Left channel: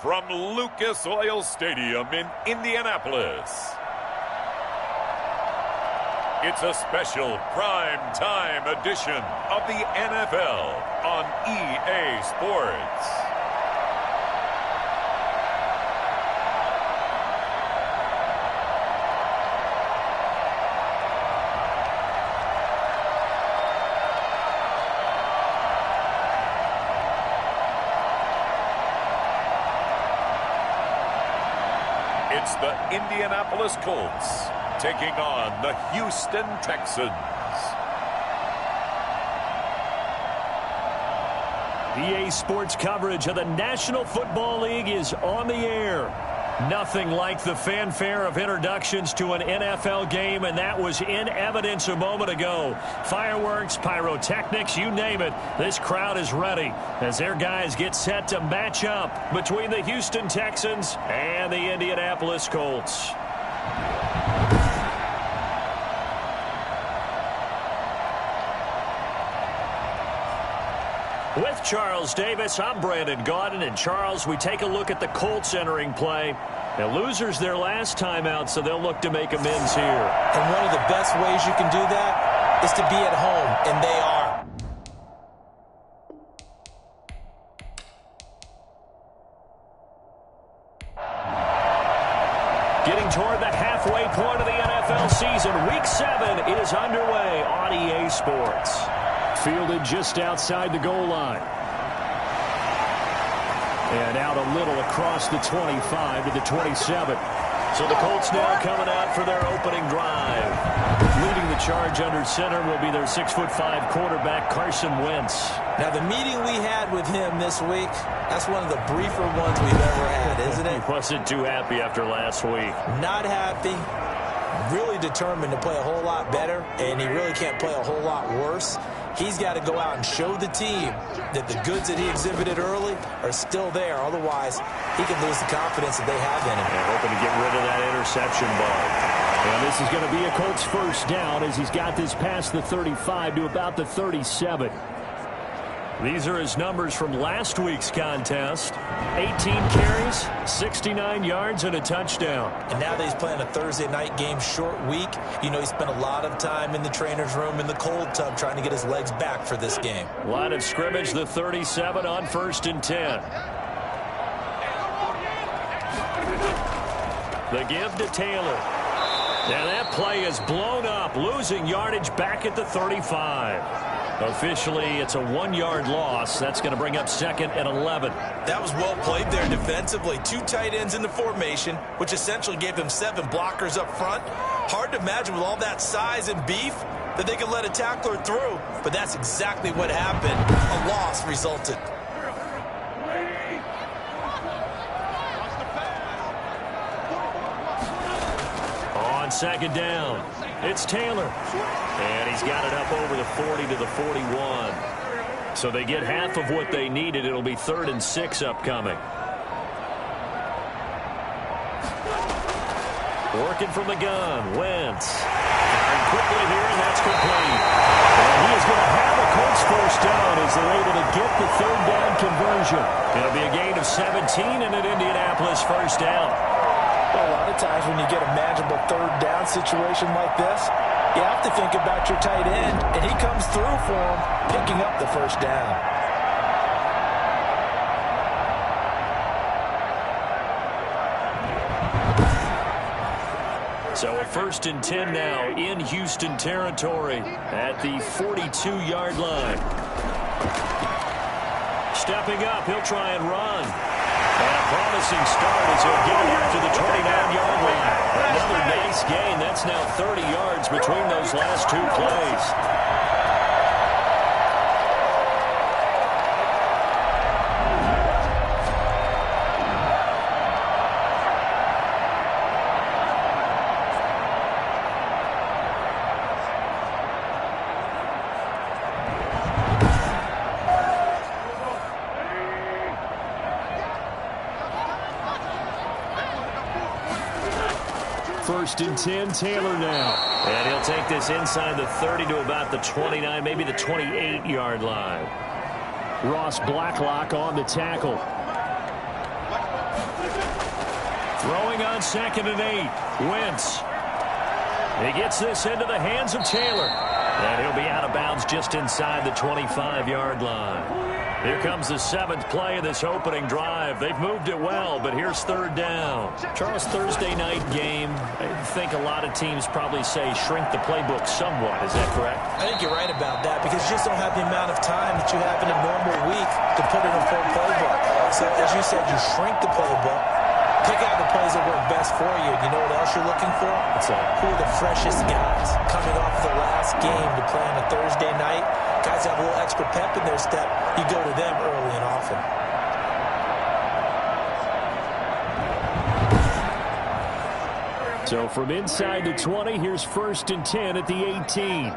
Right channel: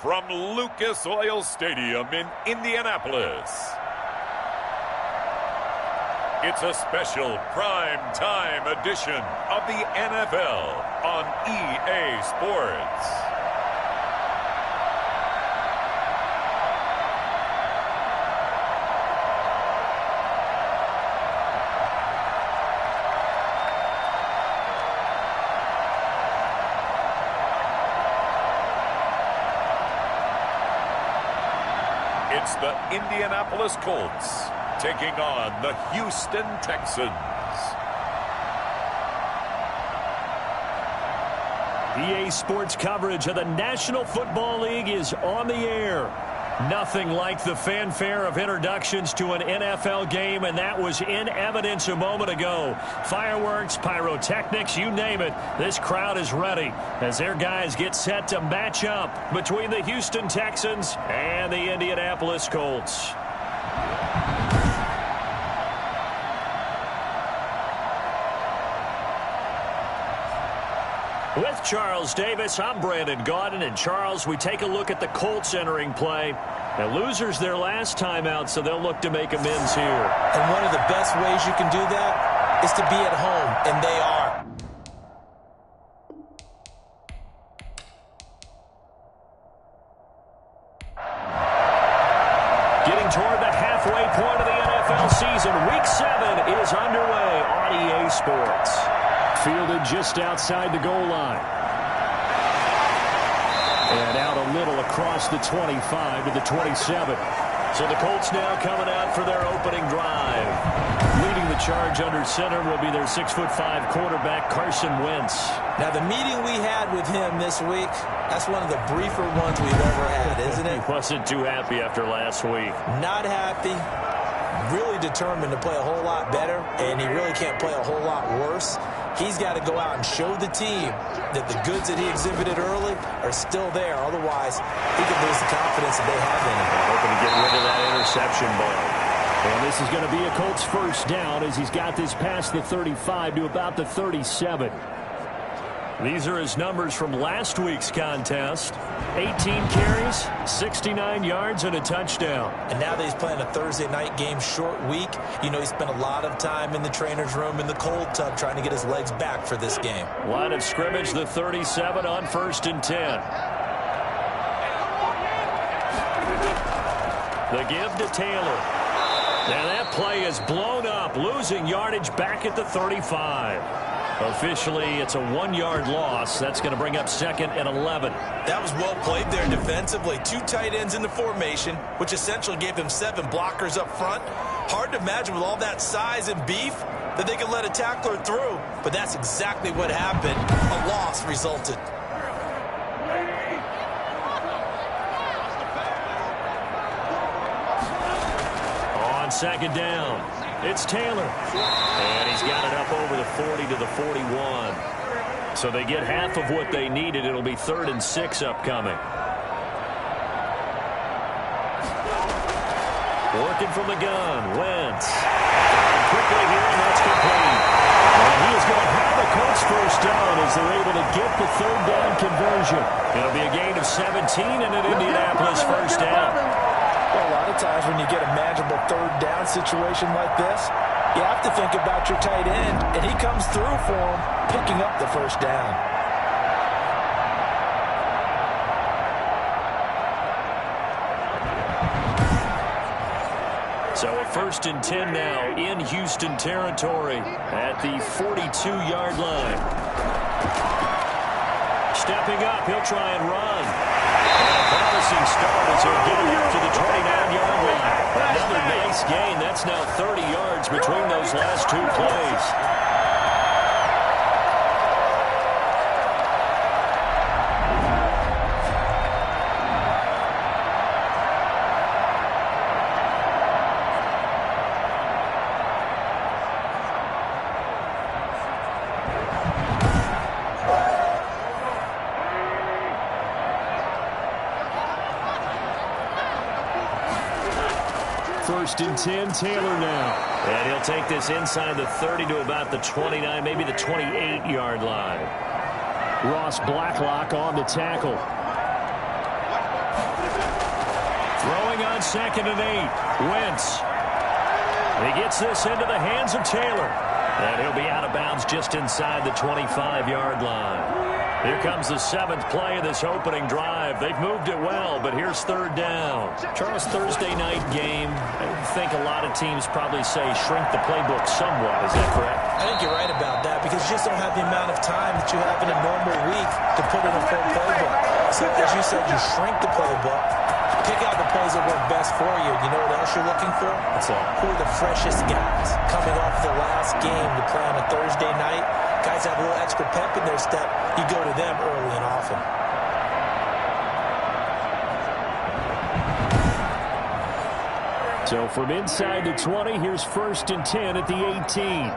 from Lucas Oil Stadium in Indianapolis. It's a special prime time edition of the NFL on EA Sports. It's the Indianapolis Colts taking on the Houston Texans. EA Sports coverage of the National Football League is on the air. Nothing like the fanfare of introductions to an NFL game, and that was in evidence a moment ago. Fireworks, pyrotechnics, you name it. This crowd is ready as their guys get set to match up between the Houston Texans and the Indianapolis Colts. With Charles Davis, I'm Brandon Gaudin. And Charles, we take a look at the Colts entering play. Now, losers their last time out, so they'll look to make amends here. And one of the best ways you can do that is to be at home, and they are. Getting toward the halfway point of the NFL season, Week 7 is underway on EA Sports. Fielded just outside the goal line. And out a little across the 25 to the 27. So the Colts now coming out for their opening drive. Leading the charge under center will be their 6'5" quarterback, Carson Wentz. Now, the meeting we had with him this week, that's one of the briefer ones we've ever had, isn't it? He wasn't too happy after last week. Not happy. Really determined to play a whole lot better, and he really can't play a whole lot worse. He's got to go out and show the team that the goods that he exhibited early are still there. Otherwise, he could lose the confidence that they have in him. Yeah, hoping to get rid of that interception bug. And this is going to be a Colts first down as he's got this past the 35 to about the 37. These are his numbers from last week's contest. 18 carries, 69 yards, and a touchdown. And now that he's playing a Thursday night game, short week, you know he spent a lot of time in the trainer's room in the cold tub trying to get his legs back for this game. Line of scrimmage, the 37 on 1st and 10. The give to Taylor. Now that play is blown up, losing yardage back at the 35. Officially, it's a 1-yard loss. That's going to bring up 2nd and 11. That was well played there defensively. 2 tight ends in the formation, which essentially gave them 7 blockers up front. Hard to imagine with all that size and beef that they could let a tackler through. But that's exactly what happened. A loss resulted. On 2nd down, it's Taylor. And he's got it up over the 40 to the 41. So they get half of what they needed. It'll be 3rd and 6 upcoming. Working from the gun, Wentz. Firing quickly here, and that's complete. And he is going to have a Colts first down as they're able to get the 3rd down conversion. It'll be a gain of 17 and an Indianapolis first down. Well, a lot of times when you get a manageable 3rd down situation like this, you have to think about your tight end, and he comes through for him, picking up the first down. So a 1st and 10 now in Houston territory at the 42-yard line. Stepping up, he'll try and run. And a promising start as he'll get it up to the 29-yard line. Another nice gain. That's now 30 yards between those last 2 plays. First and 10, Taylor now. And he'll take this inside the 30 to about the 29, maybe the 28-yard line. Ross Blacklock on the tackle. Throwing on 2nd and 8. Wentz. He gets this into the hands of Taylor. And he'll be out of bounds just inside the 25-yard line. Here comes the 7th play of this opening drive. They've moved it well, but here's 3rd down. Charles, Thursday night game, I think a lot of teams probably say shrink the playbook somewhat. Is that correct? I think you're right about that because you just don't have the amount of time that you have in a normal week to put in a full playbook. So, as you said, you shrink the playbook. Pick out the plays that work best for you. You know what else you're looking for? What's that? Who are the freshest guys coming off the last game to play on a Thursday night? Guys have a little extra pep in their step. You go to them early and often. So from inside the 20, here's 1st and 10 at the 18.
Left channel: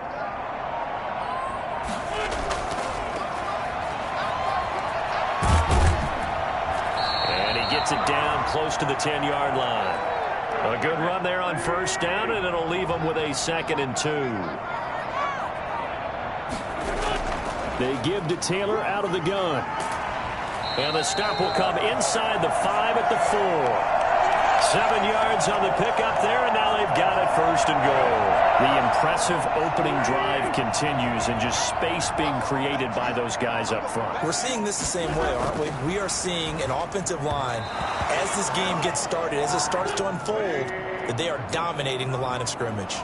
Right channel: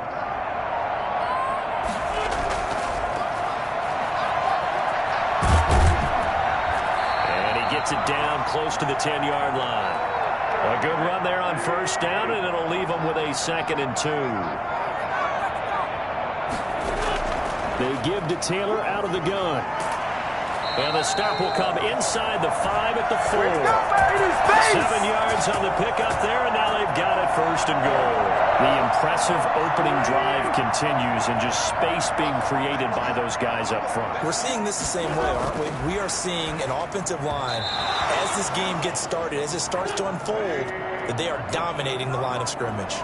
Gets it down close to the 10-yard line. A good run there on 1st down, and it'll leave them with a 2nd and 2. They give to Taylor out of the gun. And the stop will come inside the 5 at the 4. 7 yards on the pickup there, and now they've got it 1st and goal. The impressive opening drive continues, and just space being created by those guys up front. We're seeing this the same way, aren't we? We are seeing an offensive line, as this game gets started, as it starts to unfold, that they are dominating the line of scrimmage.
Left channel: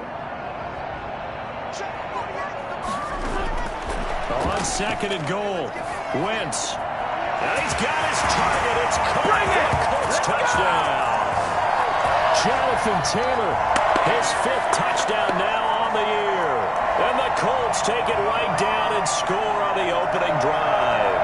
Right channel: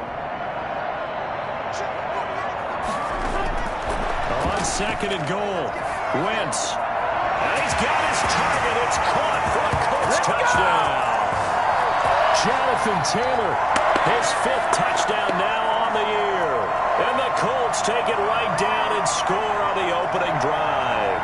On 2nd and goal, Wentz. And he's got his target. It's caught for a Colts touchdown. Jonathan Taylor, his 5th touchdown now on the year. And the Colts take it right down and score on the opening drive.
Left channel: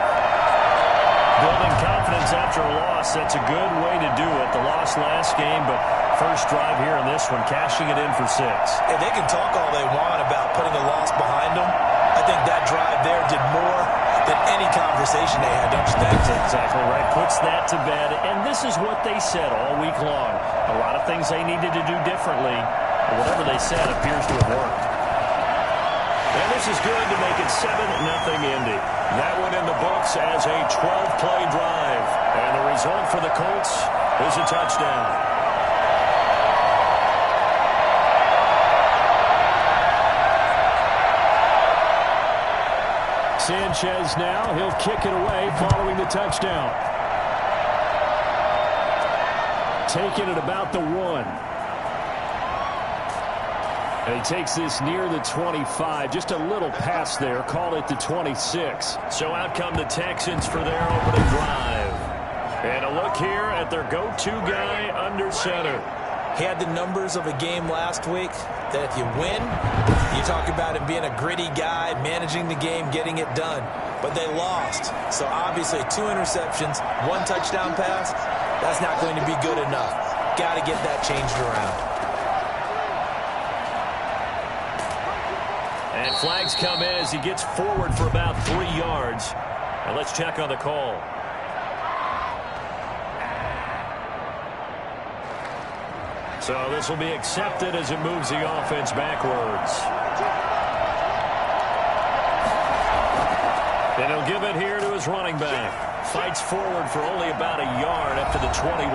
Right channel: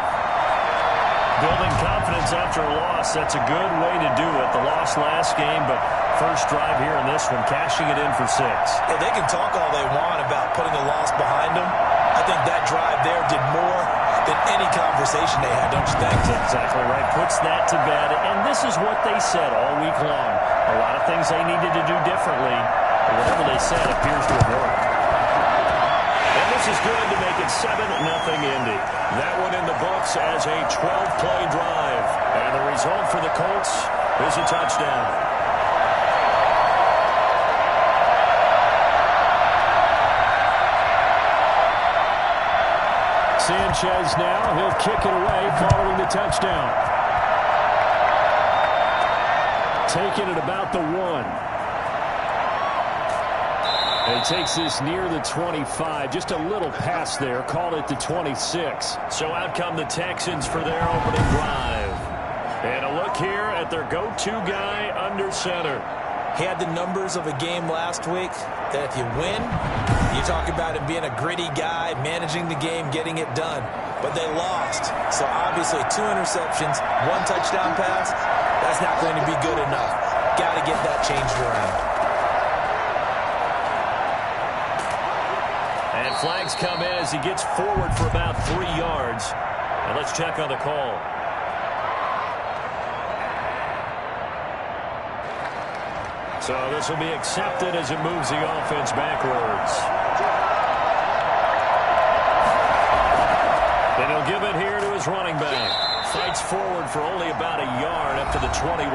Building confidence after a loss, that's a good way to do it. The loss last game, but first drive here in this one, cashing it in for 6. Hey, they can talk all they want about putting a loss behind them. I think that drive there did more than any conversation they had, don't you think? That's exactly right. Puts that to bed. And this is what they said all week long. A lot of things they needed to do differently. But whatever they said appears to have worked. And this is good to make it 7-0 Indy. That one in the books as a 12-play drive. And the result for the Colts is a touchdown. Sanchez now, he'll kick it away following the touchdown. Taking it about the 1. And he takes this near the 25, just a little pass there, call it the 26. So out come the Texans for their opening drive. And a look here at their go-to guy under center. He had the numbers of a game last week that if you win, you talk about him being a gritty guy, managing the game, getting it done. But they lost. So obviously 2 interceptions, 1 touchdown pass, that's not going to be good enough. Got to get that changed around. And flags come in as he gets forward for about 3 yards. And let's check on the call. So this will be accepted as it moves the offense backwards. And he'll give it here to his running back. Fights forward for only about a yard up to the 21.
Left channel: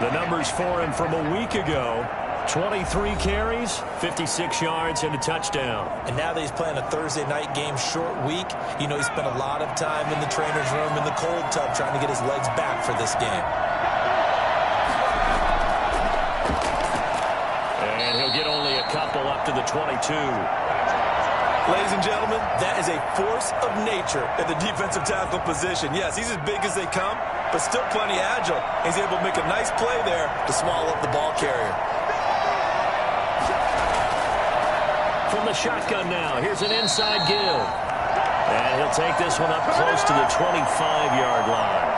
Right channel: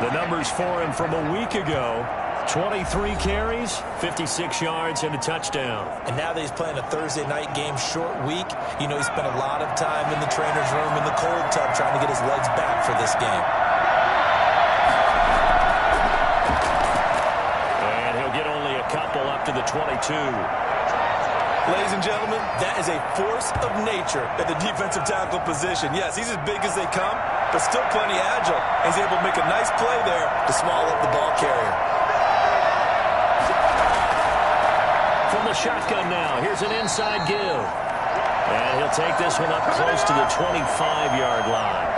The numbers for him from a week ago. 23 carries, 56 yards, and a touchdown. And now that he's playing a Thursday night game, short week, you know he spent a lot of time in the trainer's room in the cold tub trying to get his legs back for this game. And he'll get only a couple up to the 22. Ladies and gentlemen, that is a force of nature at the defensive tackle position. Yes, he's as big as they come, but still plenty agile. He's able to make a nice play there to swallow up the ball carrier. From the shotgun now, here's an inside give. And he'll take this one up close to the 25-yard line.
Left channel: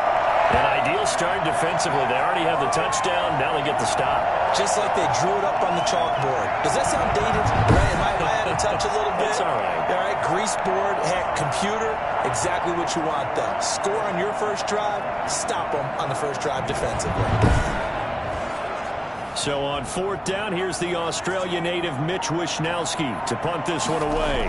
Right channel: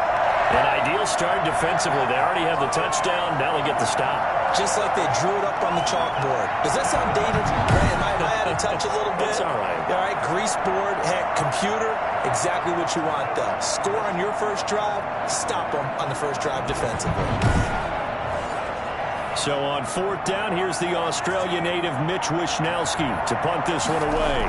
An ideal start defensively. They already have the touchdown. Now they get the stop. Just like they drew it up on the chalkboard. Does that sound dated? Right? Am I out of touch a little bit? It's all right. All right, grease board, heck, computer, exactly what you want, though. Score on your first drive, stop them on the first drive defensively. So on 4th down, here's the Australia native Mitch Wishnowsky to punt this one away.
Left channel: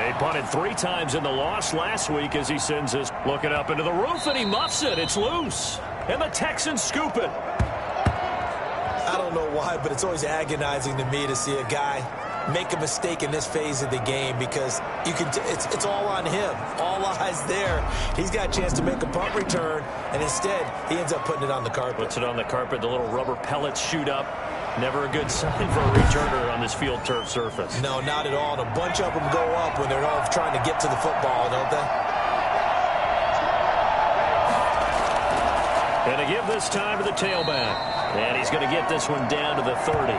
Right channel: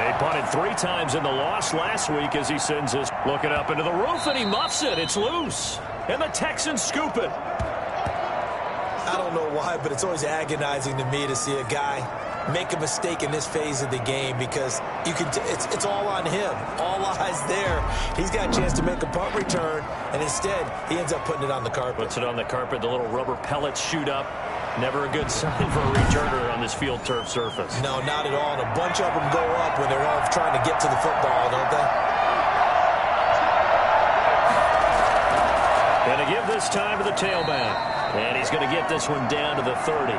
They punted 3 times in the loss last week as he sends this looking up into the roof, and he muffs it. It's loose. And the Texans scoop it. I don't know why, but it's always agonizing to me to see a guy make a mistake in this phase of the game because it's all on him. All eyes there. He's got a chance to make a punt return, and instead he ends up putting it on the carpet. Puts it on the carpet. The little rubber pellets shoot up. Never a good sign for a returner on this field turf surface. No, not at all. And a bunch of them go up when they're all trying to get to the football, don't they? And to give this time to the tailback. And he's going to get this one down to the 30.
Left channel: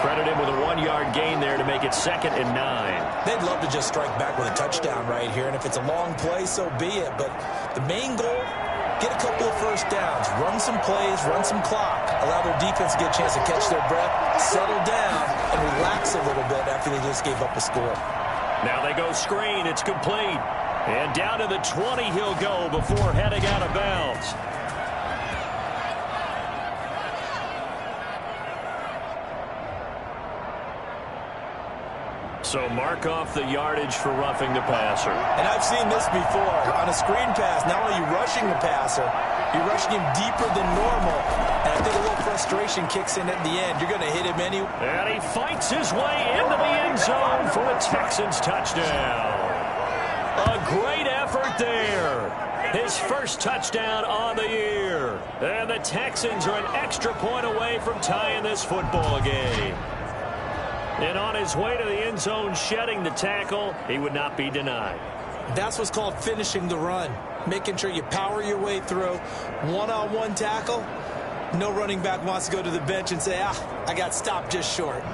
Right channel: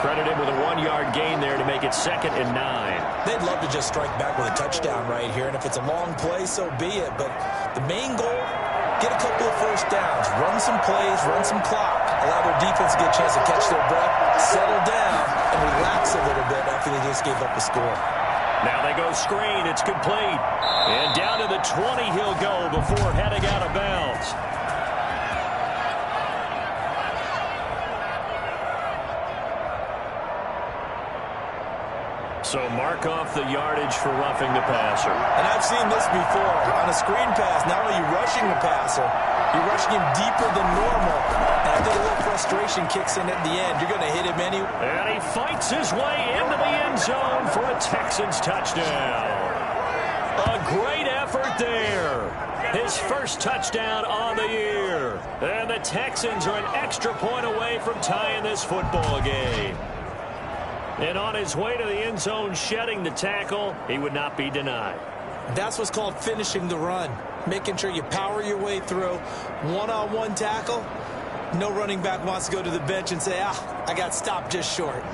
Credit him with a 1-yard gain there to make it 2nd and 9. They'd love to just strike back with a touchdown right here. And if it's a long play, so be it. But the main goal, get a couple of first downs, run some plays, run some clock, allow their defense to get a chance to catch their breath, settle down, and relax a little bit after they just gave up a score. Now they go screen. It's complete. And down to the 20 he'll go before heading out of bounds. So mark off the yardage for roughing the passer. And I've seen this before. On a screen pass, not only are you rushing the passer, you're rushing him deeper than normal. And I think a little frustration kicks in at the end. You're going to hit him anyway. And he fights his way into the end zone for a Texans touchdown. A great effort there. His first touchdown on the year. And the Texans are an extra point away from tying this football game. And on his way to the end zone, shedding the tackle, he would not be denied. That's what's called finishing the run. Making sure you power your way through. One-on-one tackle. No running back wants to go to the bench and say, I got stopped just short.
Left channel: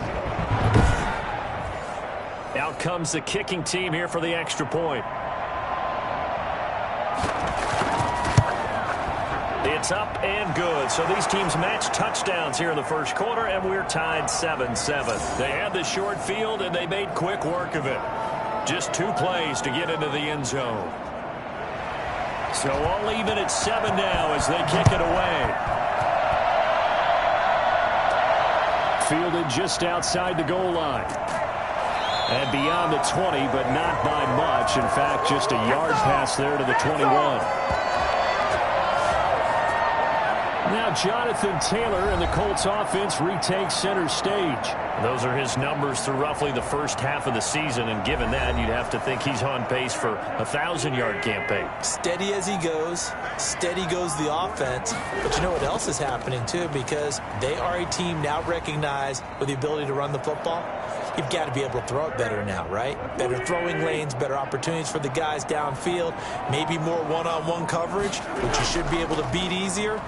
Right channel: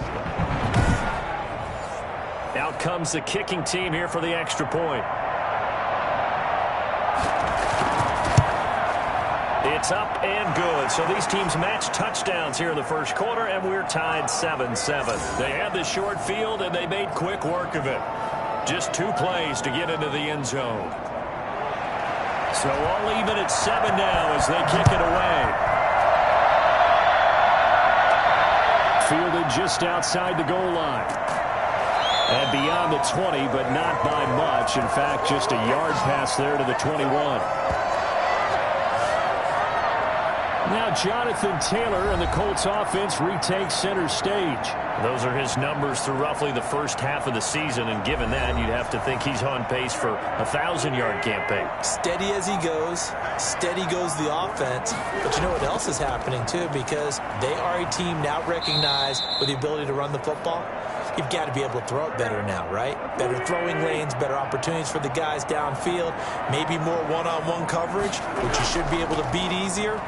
Out comes the kicking team here for the extra point. It's up and good. So these teams match touchdowns here in the first quarter, and we're tied 7-7. They had the short field, and they made quick work of it. Just 2 plays to get into the end zone. So all even at 7 now as they kick it away. Fielded just outside the goal line. And beyond the 20, but not by much. In fact, just a yard pass there to the 21. Now Jonathan Taylor and the Colts offense retakes center stage. Those are his numbers through roughly the first half of the season, and given that, you'd have to think he's on pace for a 1,000-yard campaign. Steady as he goes, steady goes the offense. But you know what else is happening, too, because they are a team now recognized with the ability to run the football. You've got to be able to throw it better now, right? Better throwing lanes, better opportunities for the guys downfield, maybe more one-on-one coverage, which you should be able to beat easier.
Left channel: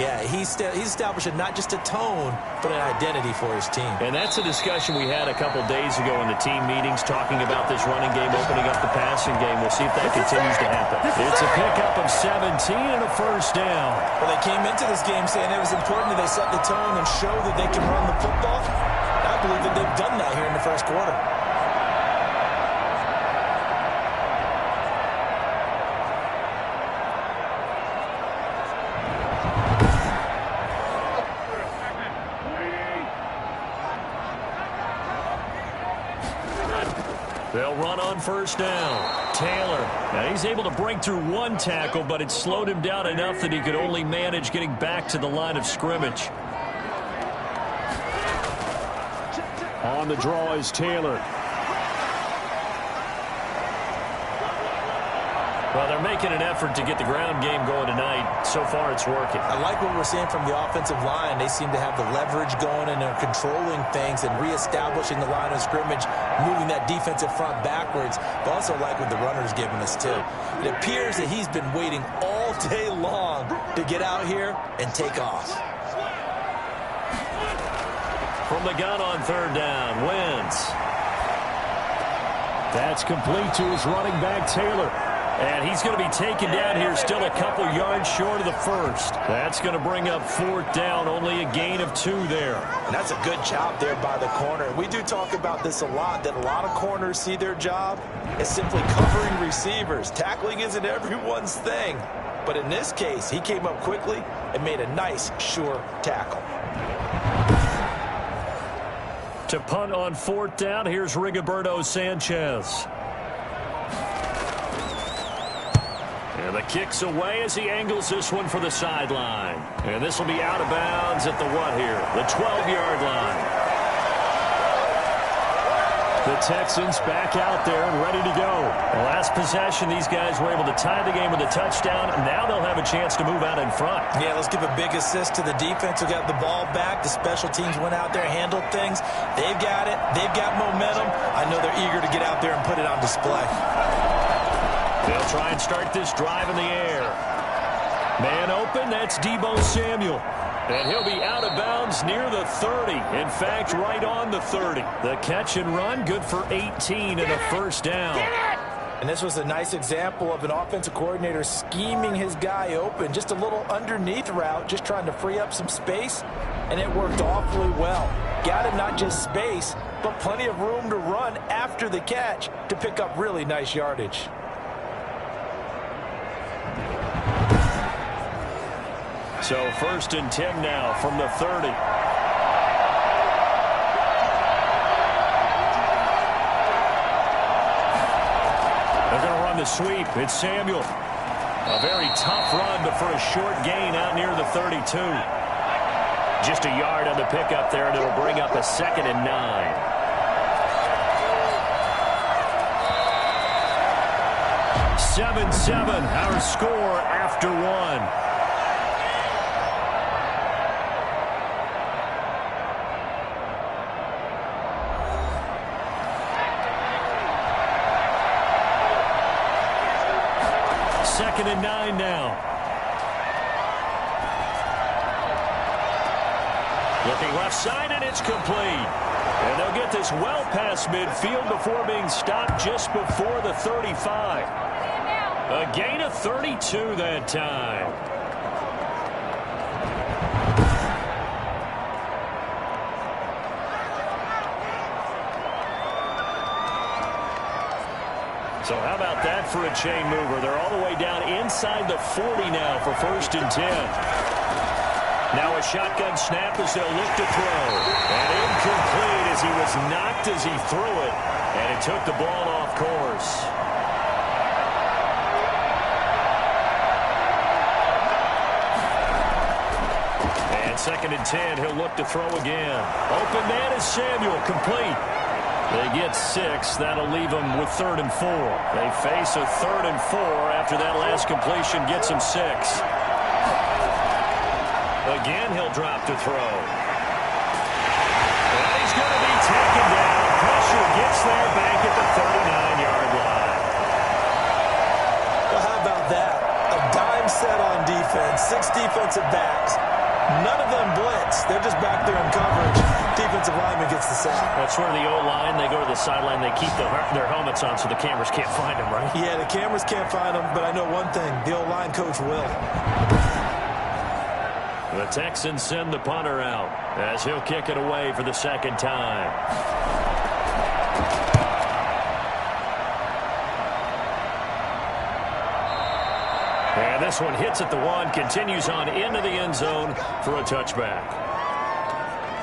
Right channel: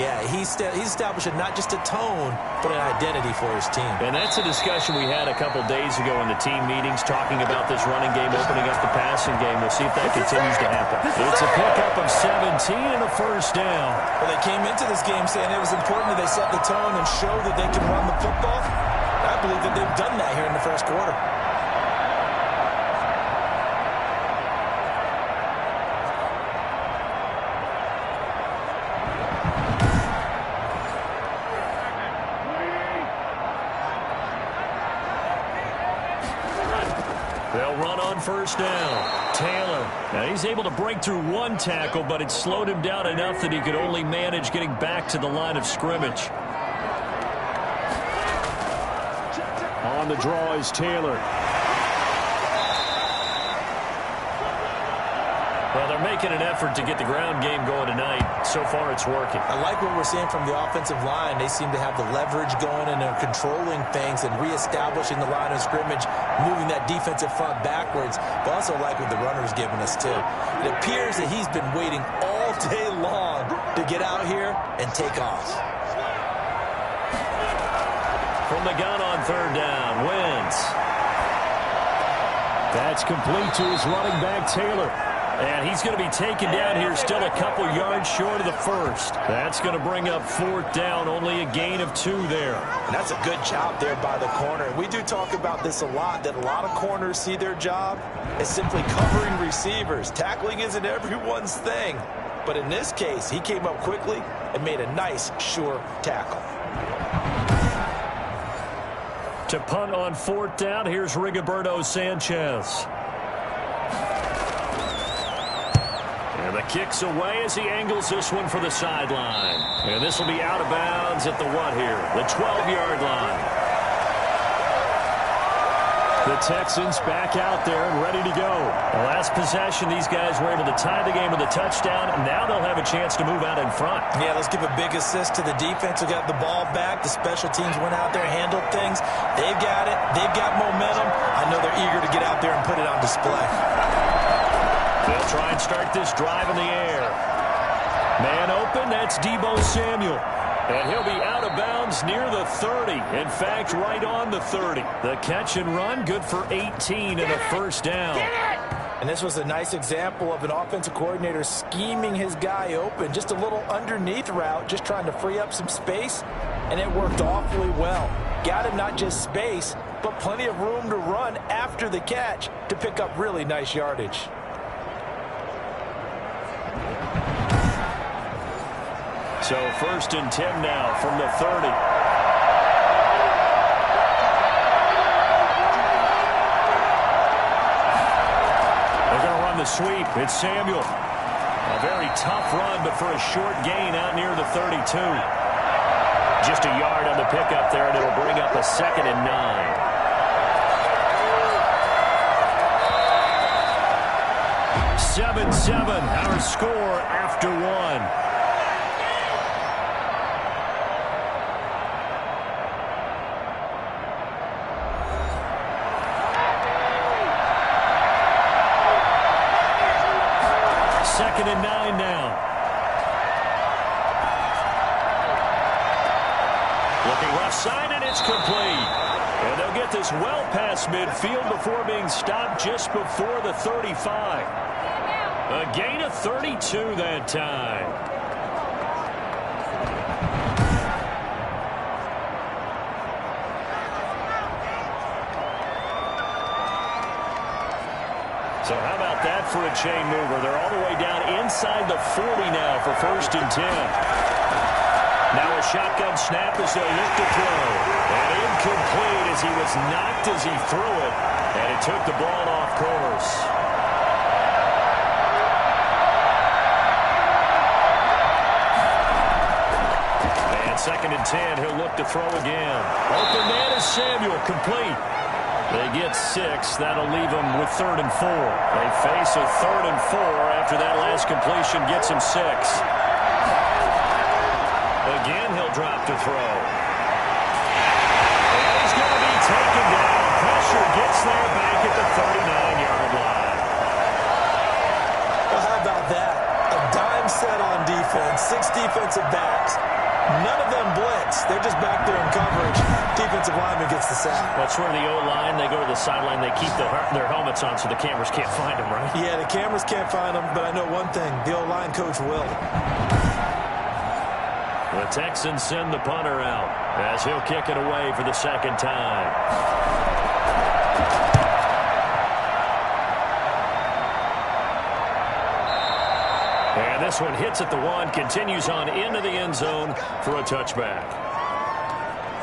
Yeah, he's establishing not just a tone, but an identity for his team. And that's a discussion we had a couple days ago in the team meetings, talking about this running game, opening up the passing game. We'll see if that continues to happen. It's a pickup of 17 and a first down. Well, they came into this game saying it was important that they set the tone and show that they can run the football. I believe that they've done that here in the first quarter. They'll run on first down. Taylor. Now he's able to break through 1 tackle, but it slowed him down enough that he could only manage getting back to the line of scrimmage. On the draw is Taylor. Well, they're making an effort to get the ground game going tonight. So far, it's working. I like what we're seeing from the offensive line. They seem to have the leverage going, and they're controlling things and reestablishing the line of scrimmage, moving that defensive front backwards. But also like what the runner's giving us, too. It appears that he's been waiting all day long to get out here and take off. From the gun on third down, Wentz. That's complete to his running back, Taylor. And he's going to be taken down here still a couple yards short of the first. That's going to bring up 4th down, only a gain of 2 there. And that's a good job there by the corner. We do talk about this a lot, that a lot of corners see their job as simply covering receivers. Tackling isn't everyone's thing. But in this case, he came up quickly and made a nice, sure tackle. To punt on 4th down, here's Rigoberto Sanchez. And the kick's away as he angles this one for the sideline. And this will be out of bounds at the what here? The 12-yard line. The Texans back out there and ready to go. The last possession, these guys were able to tie the game with a touchdown. Now they'll have a chance to move out in front. Yeah, let's give a big assist to the defense who got the ball back. The special teams went out there, handled things. They've got it. They've got momentum. I know they're eager to get out there and put it on display. They'll try and start this drive in the air. Man open, that's Deebo Samuel. And he'll be out of bounds near the 30. In fact, right on the 30. The catch and run, good for 18 and a first down. And this was a nice example of an offensive coordinator scheming his guy open. Just a little underneath route, just trying to free up some space. And it worked awfully well. Got him not just space, but plenty of room to run after the catch to pick up really nice yardage. So 1st and 10 now from the 30. They're going to run the sweep. It's Samuel. A very tough run, but for a short gain out near the 32. Just a yard on the pickup there, and it'll bring up a 2nd and 9. Seven, our score after one. Second and 9 now. Looking left side, and it's complete. And they'll get this well past midfield before being stopped just before the 35. A gain of 32 that time. So how about that for a chain mover? They're all the way down inside the 40 now for 1st and 10. Now a shotgun snap as they'll look to throw. And incomplete as he was knocked as he threw it. And it took the ball off course. And 2nd and 10, he'll look to throw again. Open man is Samuel, complete. They get 6. That'll leave them with 3rd and 4. They face a 3rd and 4 after that last completion gets him 6. Again, he'll drop to throw. And he's going to be taken down. Pressure gets there back at the 39-yard line. Well, how about that? A dime set on defense, 6 defensive backs. None of them blitz. They're just back there in coverage. Defensive lineman gets the sack. That's where the O-line, they go to the sideline, they keep their helmets on so the cameras can't find them, right? Yeah, the cameras can't find them, but I know one thing. The O-line coach will. The Texans send the punter out as he'll kick it away for the 2nd time. And this one hits at the 1, continues on into the end zone for a touchback.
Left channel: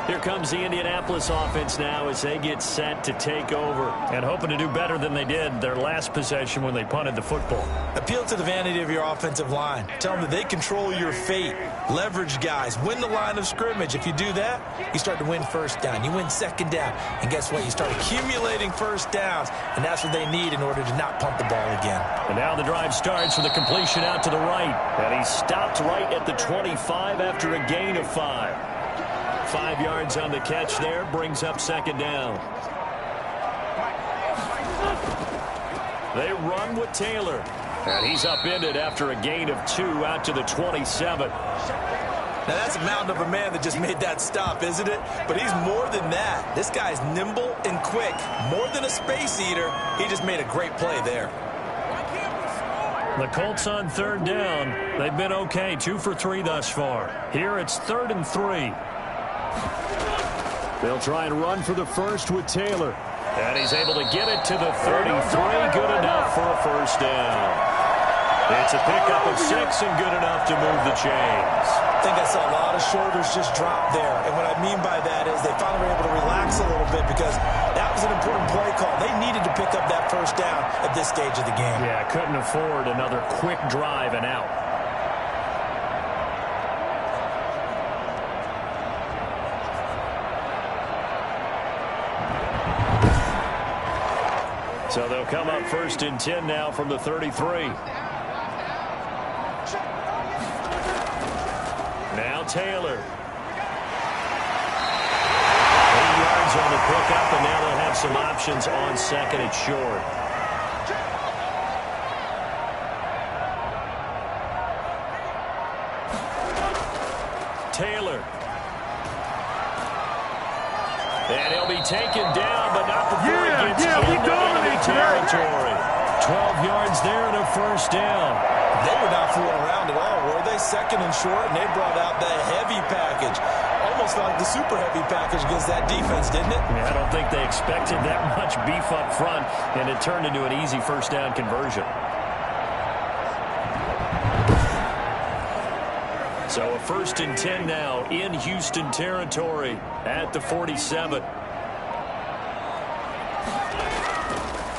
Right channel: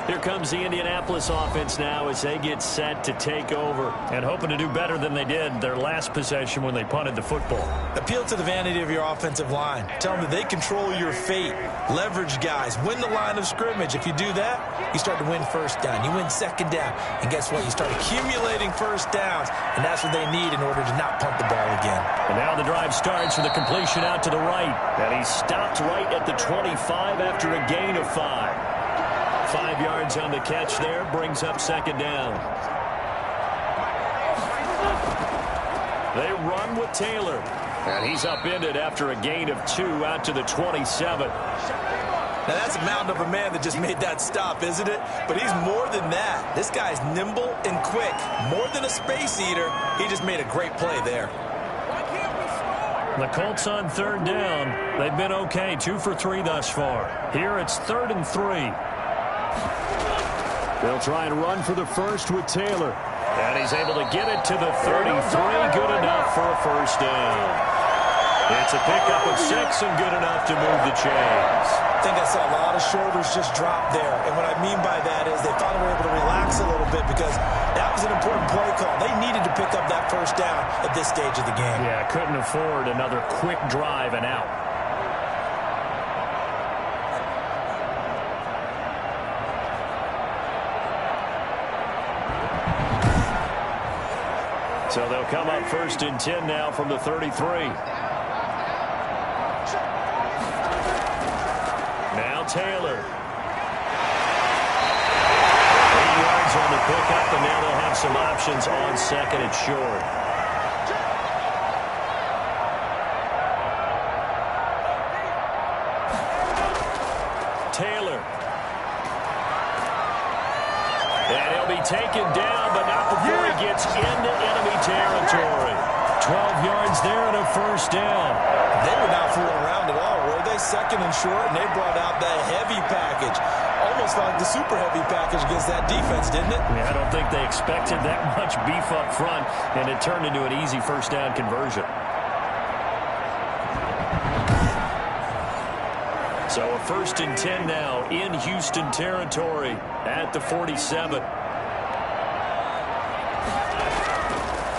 Here comes the Indianapolis offense now as they get set to take over and hoping to do better than they did their last possession when they punted the football. Appeal to the vanity of your offensive line. Tell them that they control your fate. Leverage guys. Win the line of scrimmage. If you do that, you start to win 1st down. You win 2nd down. And guess what? You start accumulating 1st downs. And that's what they need in order to not punt the ball again. And now the drive starts with a completion out to the right. And he stopped right at the 25 after a gain of 5. 5 yards on the catch there, brings up 2nd down. They run with Taylor. And he's upended after a gain of 2 out to the 27. Now that's a mountain of a man that just made that stop, isn't it? But he's more than that. This guy's nimble and quick. More than a space eater, he just made a great play there. The Colts on 3rd down. They've been okay, 2 for 3 thus far. Here it's 3rd and 3. They'll try and run for the first with Taylor. And he's able to get it to the 33. Good enough for a 1st down. It's a pickup of 6 and good enough to move the chains. I think I saw a lot of shoulders just drop there. And what I mean by that is they finally were able to relax a little bit because that was an important play call. They needed to pick up that first down at this stage of the game. Yeah, couldn't afford another quick drive and out. So they'll come up 1st and 10 now from the 33. Now Taylor. 8 yards on the pickup, and now they'll have some options on 2nd and short. Taylor. And he'll be taken down, but not before he gets into enemy territory. 12 yards there and a first down. They were not fooling around at all, were they? 2nd and short, and they brought out the heavy package. Almost felt like the super heavy package against that defense, didn't it? Yeah, I don't think they expected that much beef up front, and it turned into an easy first down conversion. So a 1st and 10 now in Houston territory at the 47.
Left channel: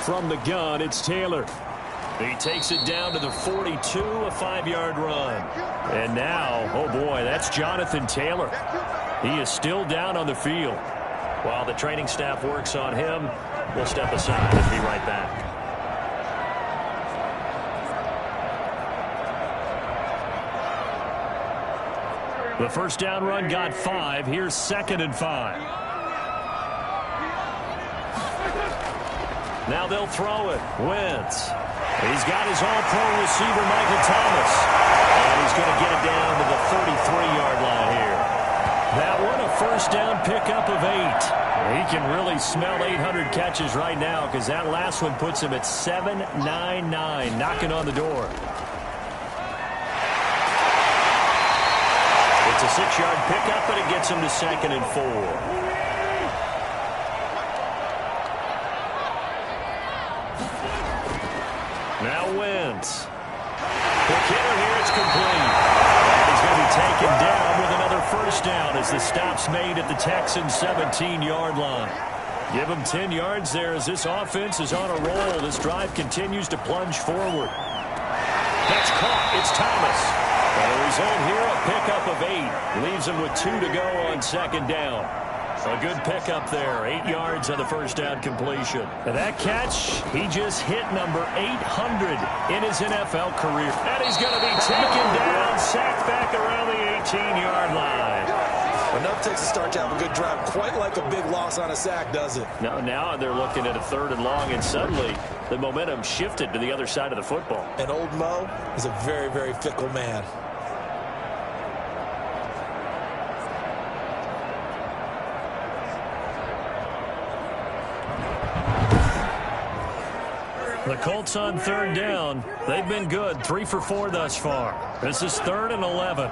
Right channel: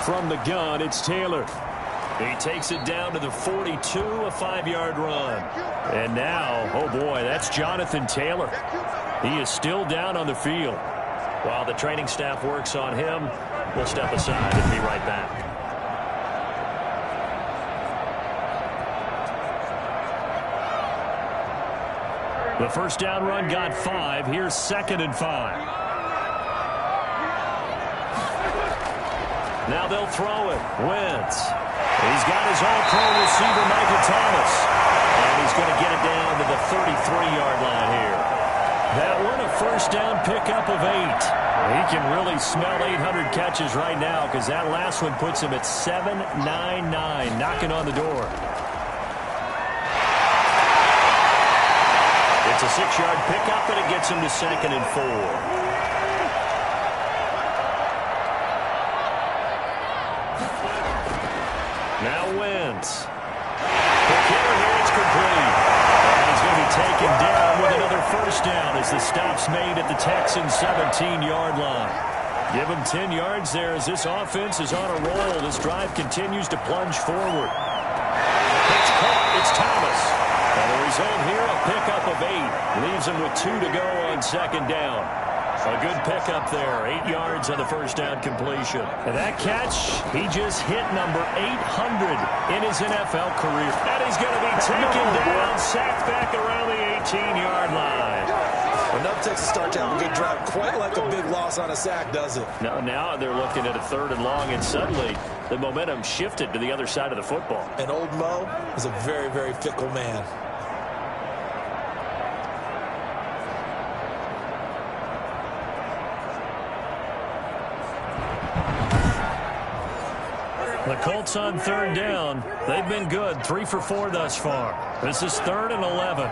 From the gun, it's Taylor. He takes it down to the 42, a 5-yard run. And now, oh boy, that's Jonathan Taylor. He is still down on the field. While the training staff works on him, we'll step aside and be right back. The first down run got 5. Here's 2nd and 5. Now they'll throw it. Wentz. He's got his all-pro receiver, Michael Thomas. And he's going to get it down to the 33-yard line here. That one, a first down pickup of 8. He can really smell 800 catches right now because that last one puts him at 799, knocking on the door. It's a 6-yard pickup, and it gets him to 2nd and 4. Now Wentz. Quick hitter here, it's complete. And he's going to be taken down with another first down as the stop's made at the Texans' 17-yard line. Give him 10 yards there as this offense is on a roll. This drive continues to plunge forward. It's caught. It's Thomas. And the result here, a pickup of 8. Leaves him with 2 to go on 2nd down. A good pickup there. 8 yards on the first down completion. And that catch, he just hit number 800 in his NFL career. And he's going to be taken down, sacked back around the 18-yard line. Enough takes a start to have a good drive. Quite like a big loss on a sack, does it? Now they're looking at a 3rd and long, and suddenly the momentum shifted to the other side of the football. And old Mo is a very, very fickle man. The Colts on 3rd down. They've been good. 3 for 4 thus far. This is 3rd and 11.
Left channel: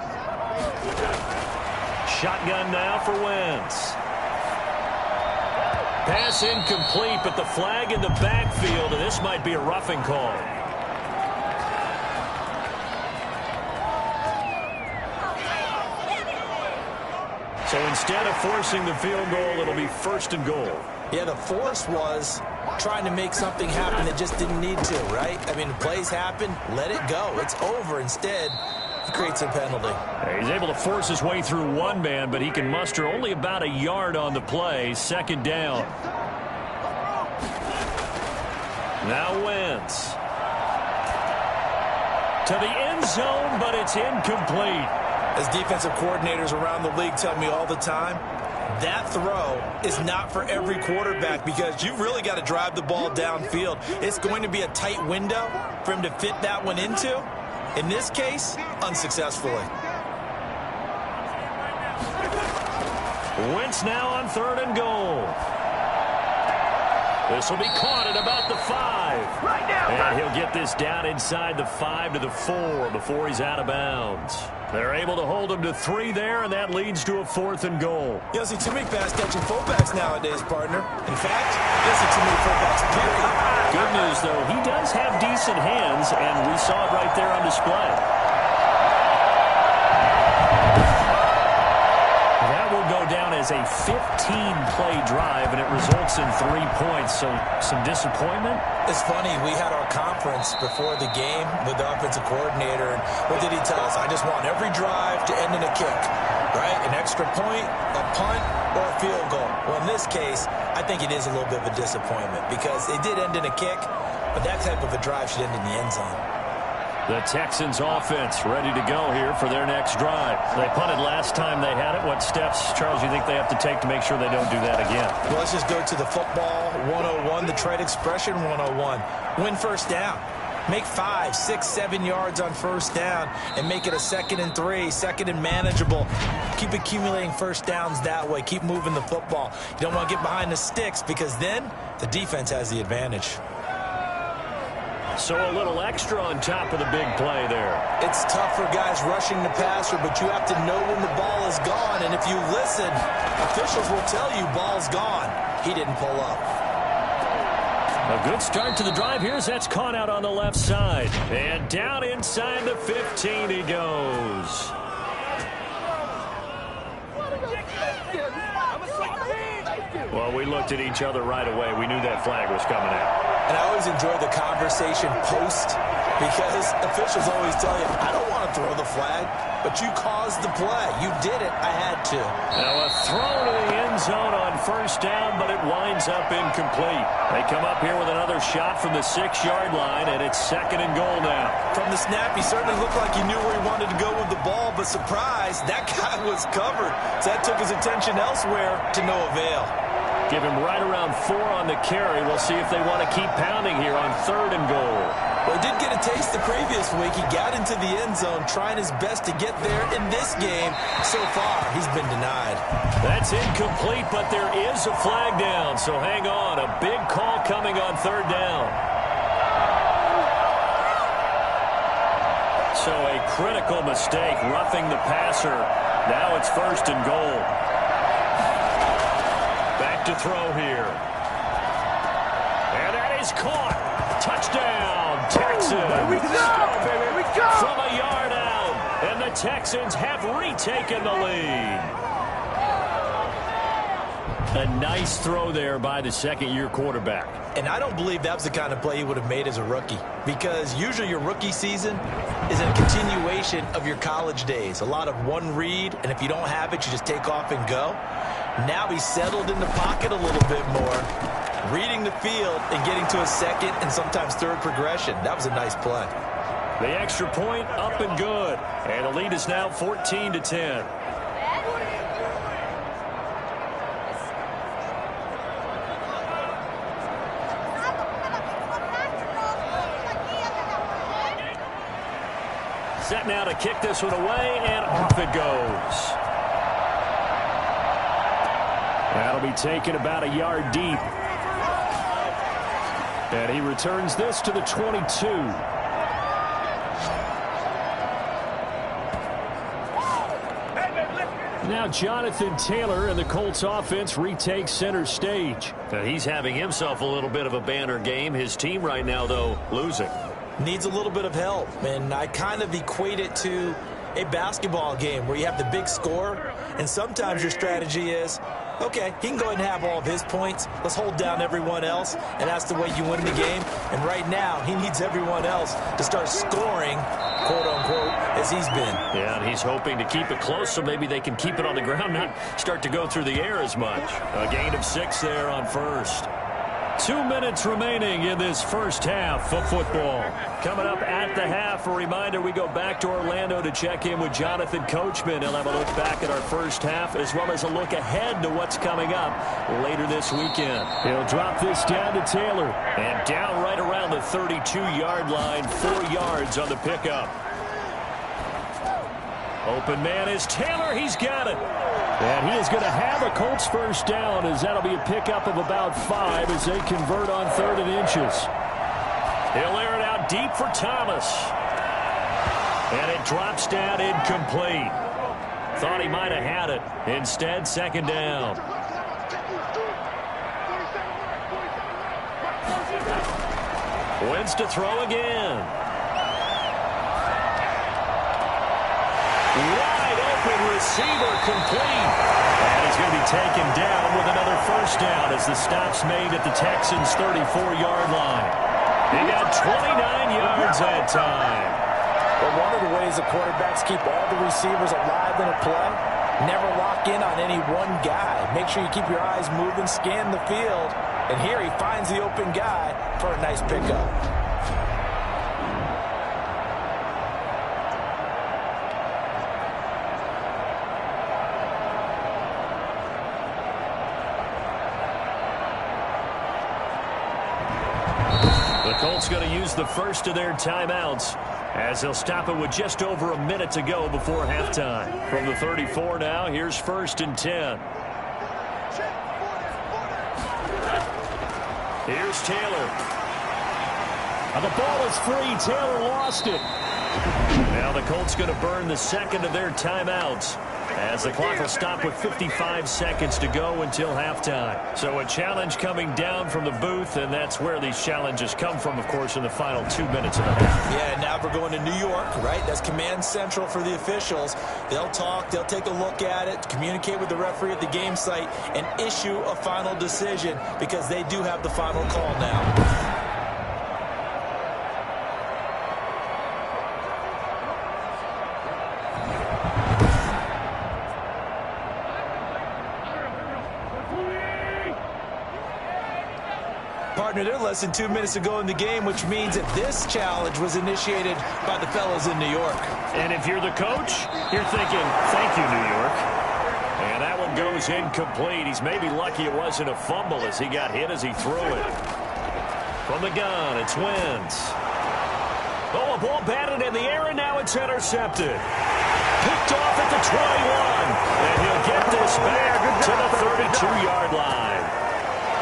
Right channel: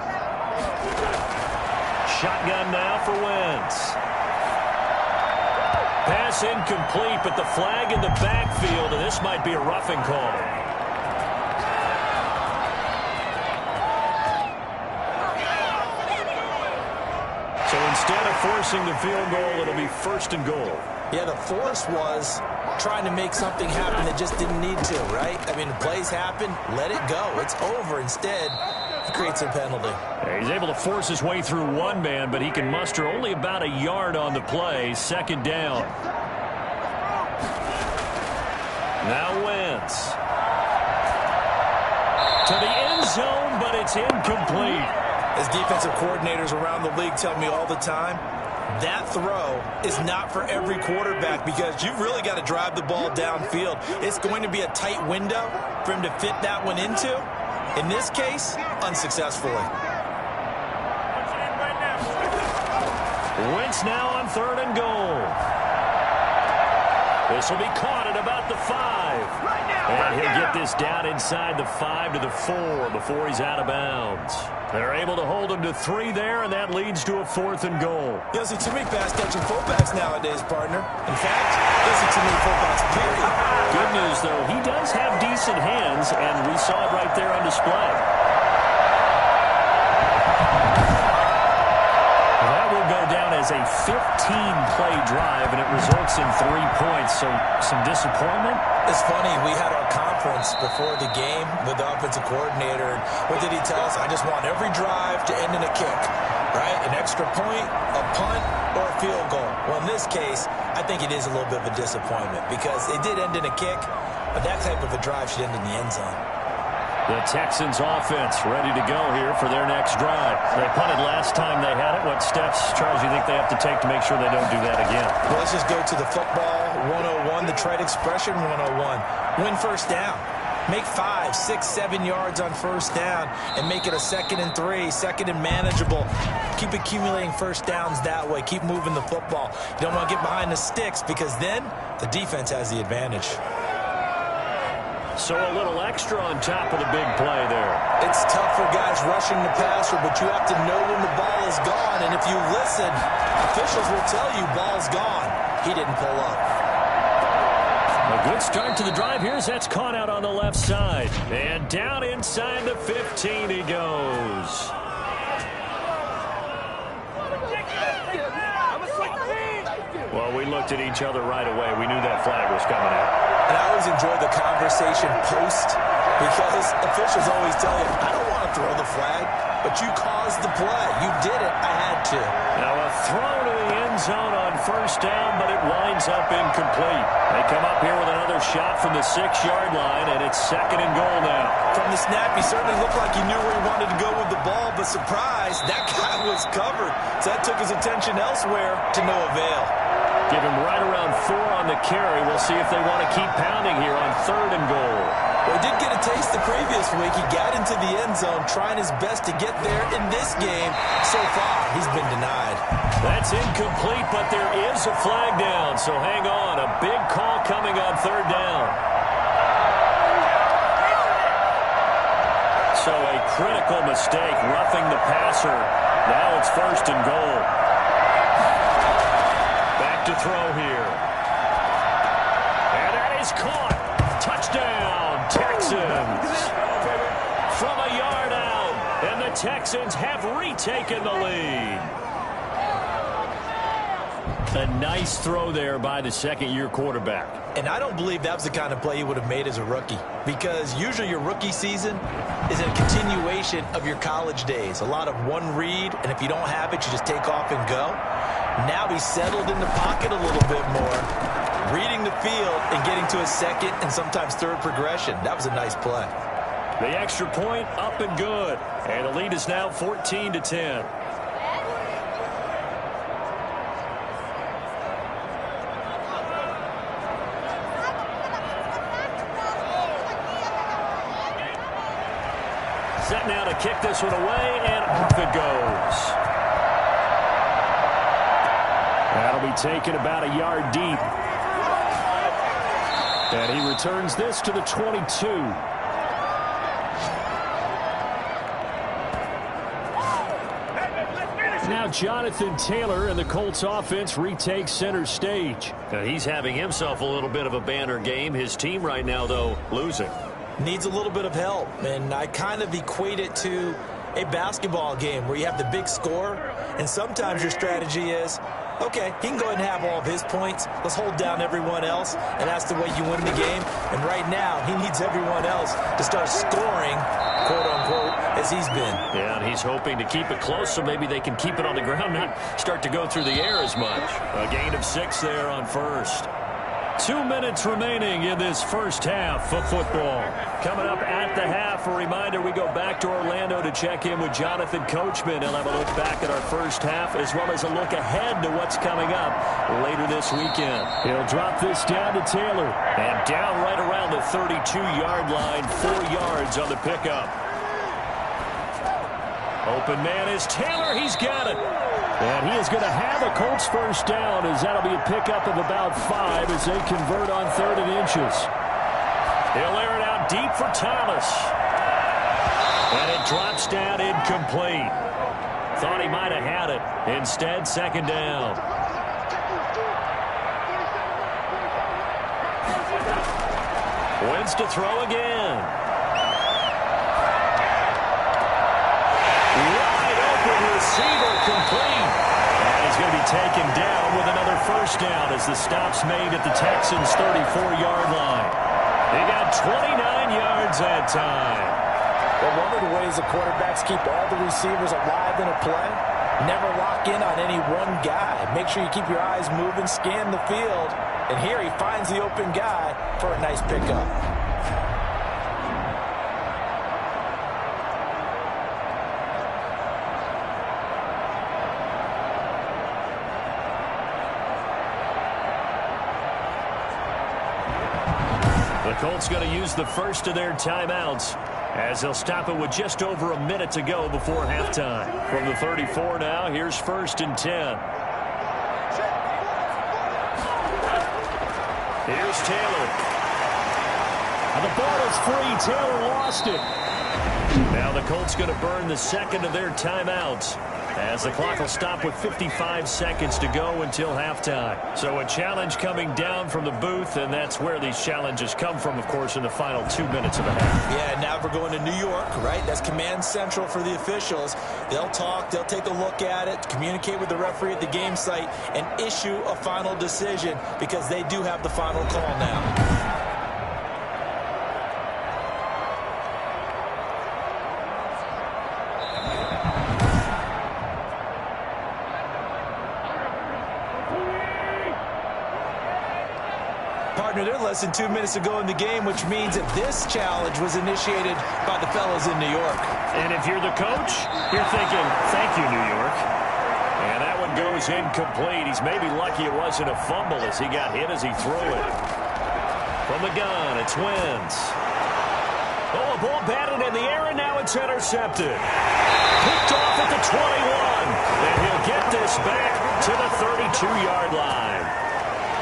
Shotgun now for Wentz. Pass incomplete, but the flag in the backfield, and this might be a roughing call. So instead of forcing the field goal, it'll be 1st and goal. Yeah, the force was trying to make something happen that just didn't need to, right? I mean, plays happen, let it go. It's over. Instead, he creates a penalty. He's able to force his way through one man, but he can muster only about a yard on the play. 2nd down. Now Wentz. To the end zone, but it's incomplete. As defensive coordinators around the league tell me all the time, that throw is not for every quarterback because you've really got to drive the ball downfield. It's going to be a tight window for him to fit that one into. In this case, unsuccessfully. Wentz now on 3rd and goal. This will be caught at about the 5. And he'll get this down inside the 5 to the 4 before he's out of bounds. They're able to hold him to 3 there, and that leads to a 4th and goal. You don't see too many pass-catching fullbacks nowadays, partner. In fact, you don't see too many fullbacks, period. Good news, though, he does have decent hands, and we saw it right there on display. That will go down as a 15-play drive, and it results in 3 points. So some disappointment. It's funny, we had our conference before the game with the offensive coordinator, and what did he tell us? I just want every drive to end in a kick, right? An extra point, a punt, or a field goal. Well, in this case, I think it is a little bit of a disappointment because it did end in a kick, but that type of a drive should end in the end zone. The Texans offense ready to go here for their next drive. They punted last time they had it. What steps, Charles, you think they have to take to make sure they don't do that again? Well, let's just go to the football 101, the trade expression 101. Win first down. Make 5, 6, 7 yards on first down and make it a 2nd and 3, 2nd and manageable. Keep accumulating first downs that way. Keep moving the football. You don't want to get behind the sticks because then the defense has the advantage. So a little extra on top of the big play there. It's tough for guys rushing the passer, but you have to know when the ball is gone. And if you listen, officials will tell you ball's gone. He didn't pull up. A good start to the drive here as that's caught out on the left side. And down inside the 15 he goes. Well, we looked at each other right away. We knew that flag was coming out. And I always enjoy the conversation post because officials always tell you, I don't want to throw the flag, but you caused the play. You did it. I had to. Now a throw to the end zone on first down, but it winds up incomplete. They come up here with another shot from the 6-yard line, and it's 2nd and goal now. From the snap, he certainly looked like he knew where he wanted to go with the ball, but surprise, that guy was covered. So that took his attention elsewhere to no avail. Give him right around 4 on the carry. We'll see if they want to keep pounding here on 3rd and goal. Well, he did get a taste the previous week. He got into the end zone trying his best to get there in this game. So far, he's been denied. That's incomplete, but there is a flag down. So hang on. A big call coming on 3rd down. So a critical mistake, roughing the passer. Now it's 1st and goal. Back to throw here. And that is caught. Touchdown, Texans. From a yard out. And the Texans have retaken the lead. A nice throw there by the 2nd-year quarterback. And I don't believe that was the kind of play he would have made as a rookie. Because usually your rookie season is a continuation of your college days. A lot of one read, and if you don't have it, you just take off and go. Now he's settled in the pocket a little bit more, reading the field and getting to a 2nd and sometimes 3rd progression. That was a nice play. The extra point up and good. And the lead is now 14-10. Set now to kick this one away, and off it goes. That'll be taken about a yard deep. And he returns this to the 22. Now Jonathan Taylor and the Colts offense retakes center stage. Now he's having himself a little bit of a banner game. His team right now, though, losing. Needs a little bit of help, and I kind of equate it to a basketball game where you have the big score, and sometimes your strategy is, okay, he can go ahead and have all of his points. Let's hold down everyone else, and that's the way you win the game. And right now, he needs everyone else to start scoring, quote-unquote, as he's been. Yeah, and he's hoping to keep it close so maybe they can keep it on the ground, not start to go through the air as much. A gain of 6 there on first. 2 minutes remaining in this first half of football. Coming up at the half, a reminder, we go back to Orlando to check in with Jonathan Coachman. He'll have a look back at our first half as well as a look ahead to what's coming up later this weekend. He'll drop this down to Taylor. And down right around the 32-yard line, 4 yards on the pickup. Open man is Taylor. He's got it. And he is going to have a Colts first down, as that'll be a pickup of about 5 as they convert on 3rd and inches. He'll air it out deep for Thomas. And it drops down incomplete. Thought he might have had it. Instead, 2nd down. Wins to throw again. Wide open receiver complete. And he's going to be taken down with another first down as the stop's made at the Texans' 34-yard line. He got 29 yards that time. Well, one of the ways the quarterbacks keep all the receivers alive in a play, never lock in on any one guy. Make sure you keep your eyes moving, scan the field. And here he finds the open guy for a nice pickup. The Colts going to use the first of their timeouts as they'll stop it with just over a minute to go before halftime. From the 34 now, here's 1st and 10. Here's Taylor. And the ball is free. Taylor lost it. Now the Colts going to burn the second of their timeouts as the clock will stop with 55 seconds to go until halftime. So a challenge coming down from the booth, and that's where these challenges come from, of course, in the final 2 minutes of the half. Yeah, now we're going to New York, right? That's command central for the officials. They'll talk, they'll take a look at it, communicate with the referee at the game site, and issue a final decision because they do have the final call now. Partner, they're less than 2 minutes to go in the game, which means that this challenge was initiated by the fellas in New York. And if you're the coach, you're thinking, thank you, New York. And that one goes incomplete. He's maybe lucky it wasn't a fumble as he got hit as he threw it. From the gun, it's Wentz. Oh, a ball batted in the air, and now it's intercepted. Picked off at the 21. And he'll get this back to the 32-yard line.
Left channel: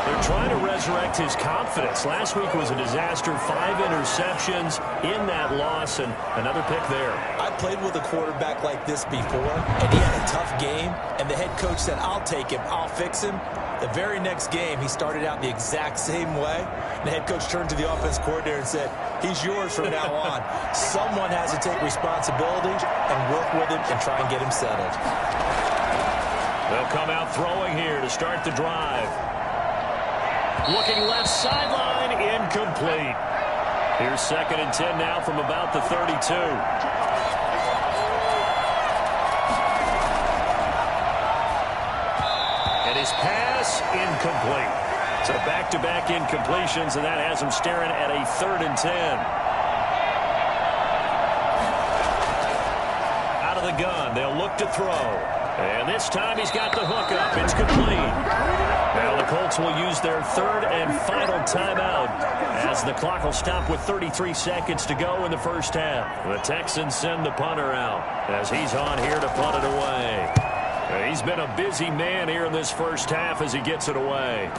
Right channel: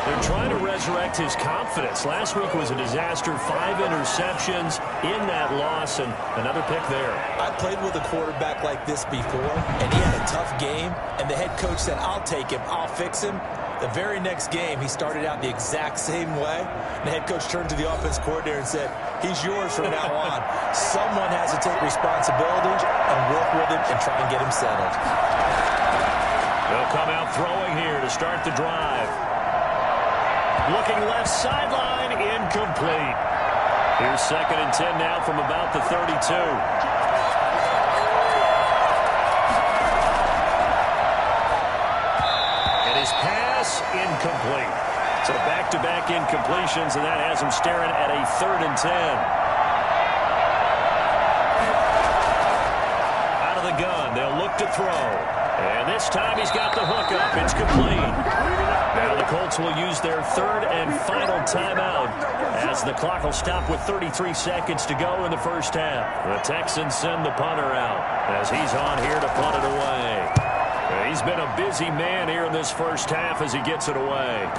They're trying to resurrect his confidence. Last week was a disaster. 5 interceptions in that loss, and another pick there. I played with a quarterback like this before, and he had a tough game, and the head coach said, I'll take him, I'll fix him. The very next game, he started out the exact same way, and the head coach turned to the offense coordinator and said, he's yours from now on. Someone has to take responsibility and work with him and try and get him settled. They'll come out throwing here to start the drive. Looking left sideline, incomplete. Here's 2nd and 10 now from about the 32. And his pass, incomplete. So back-to-back incompletions, and that has him staring at a 3rd and 10. Out of the gun, they'll look to throw. And this time he's got the hook up. It's complete. Now the Colts will use their 3rd and final timeout as the clock will stop with 33 seconds to go in the first half. The Texans send the punter out as he's on here to punt it away. He's been a busy man here in this first half as he gets it away.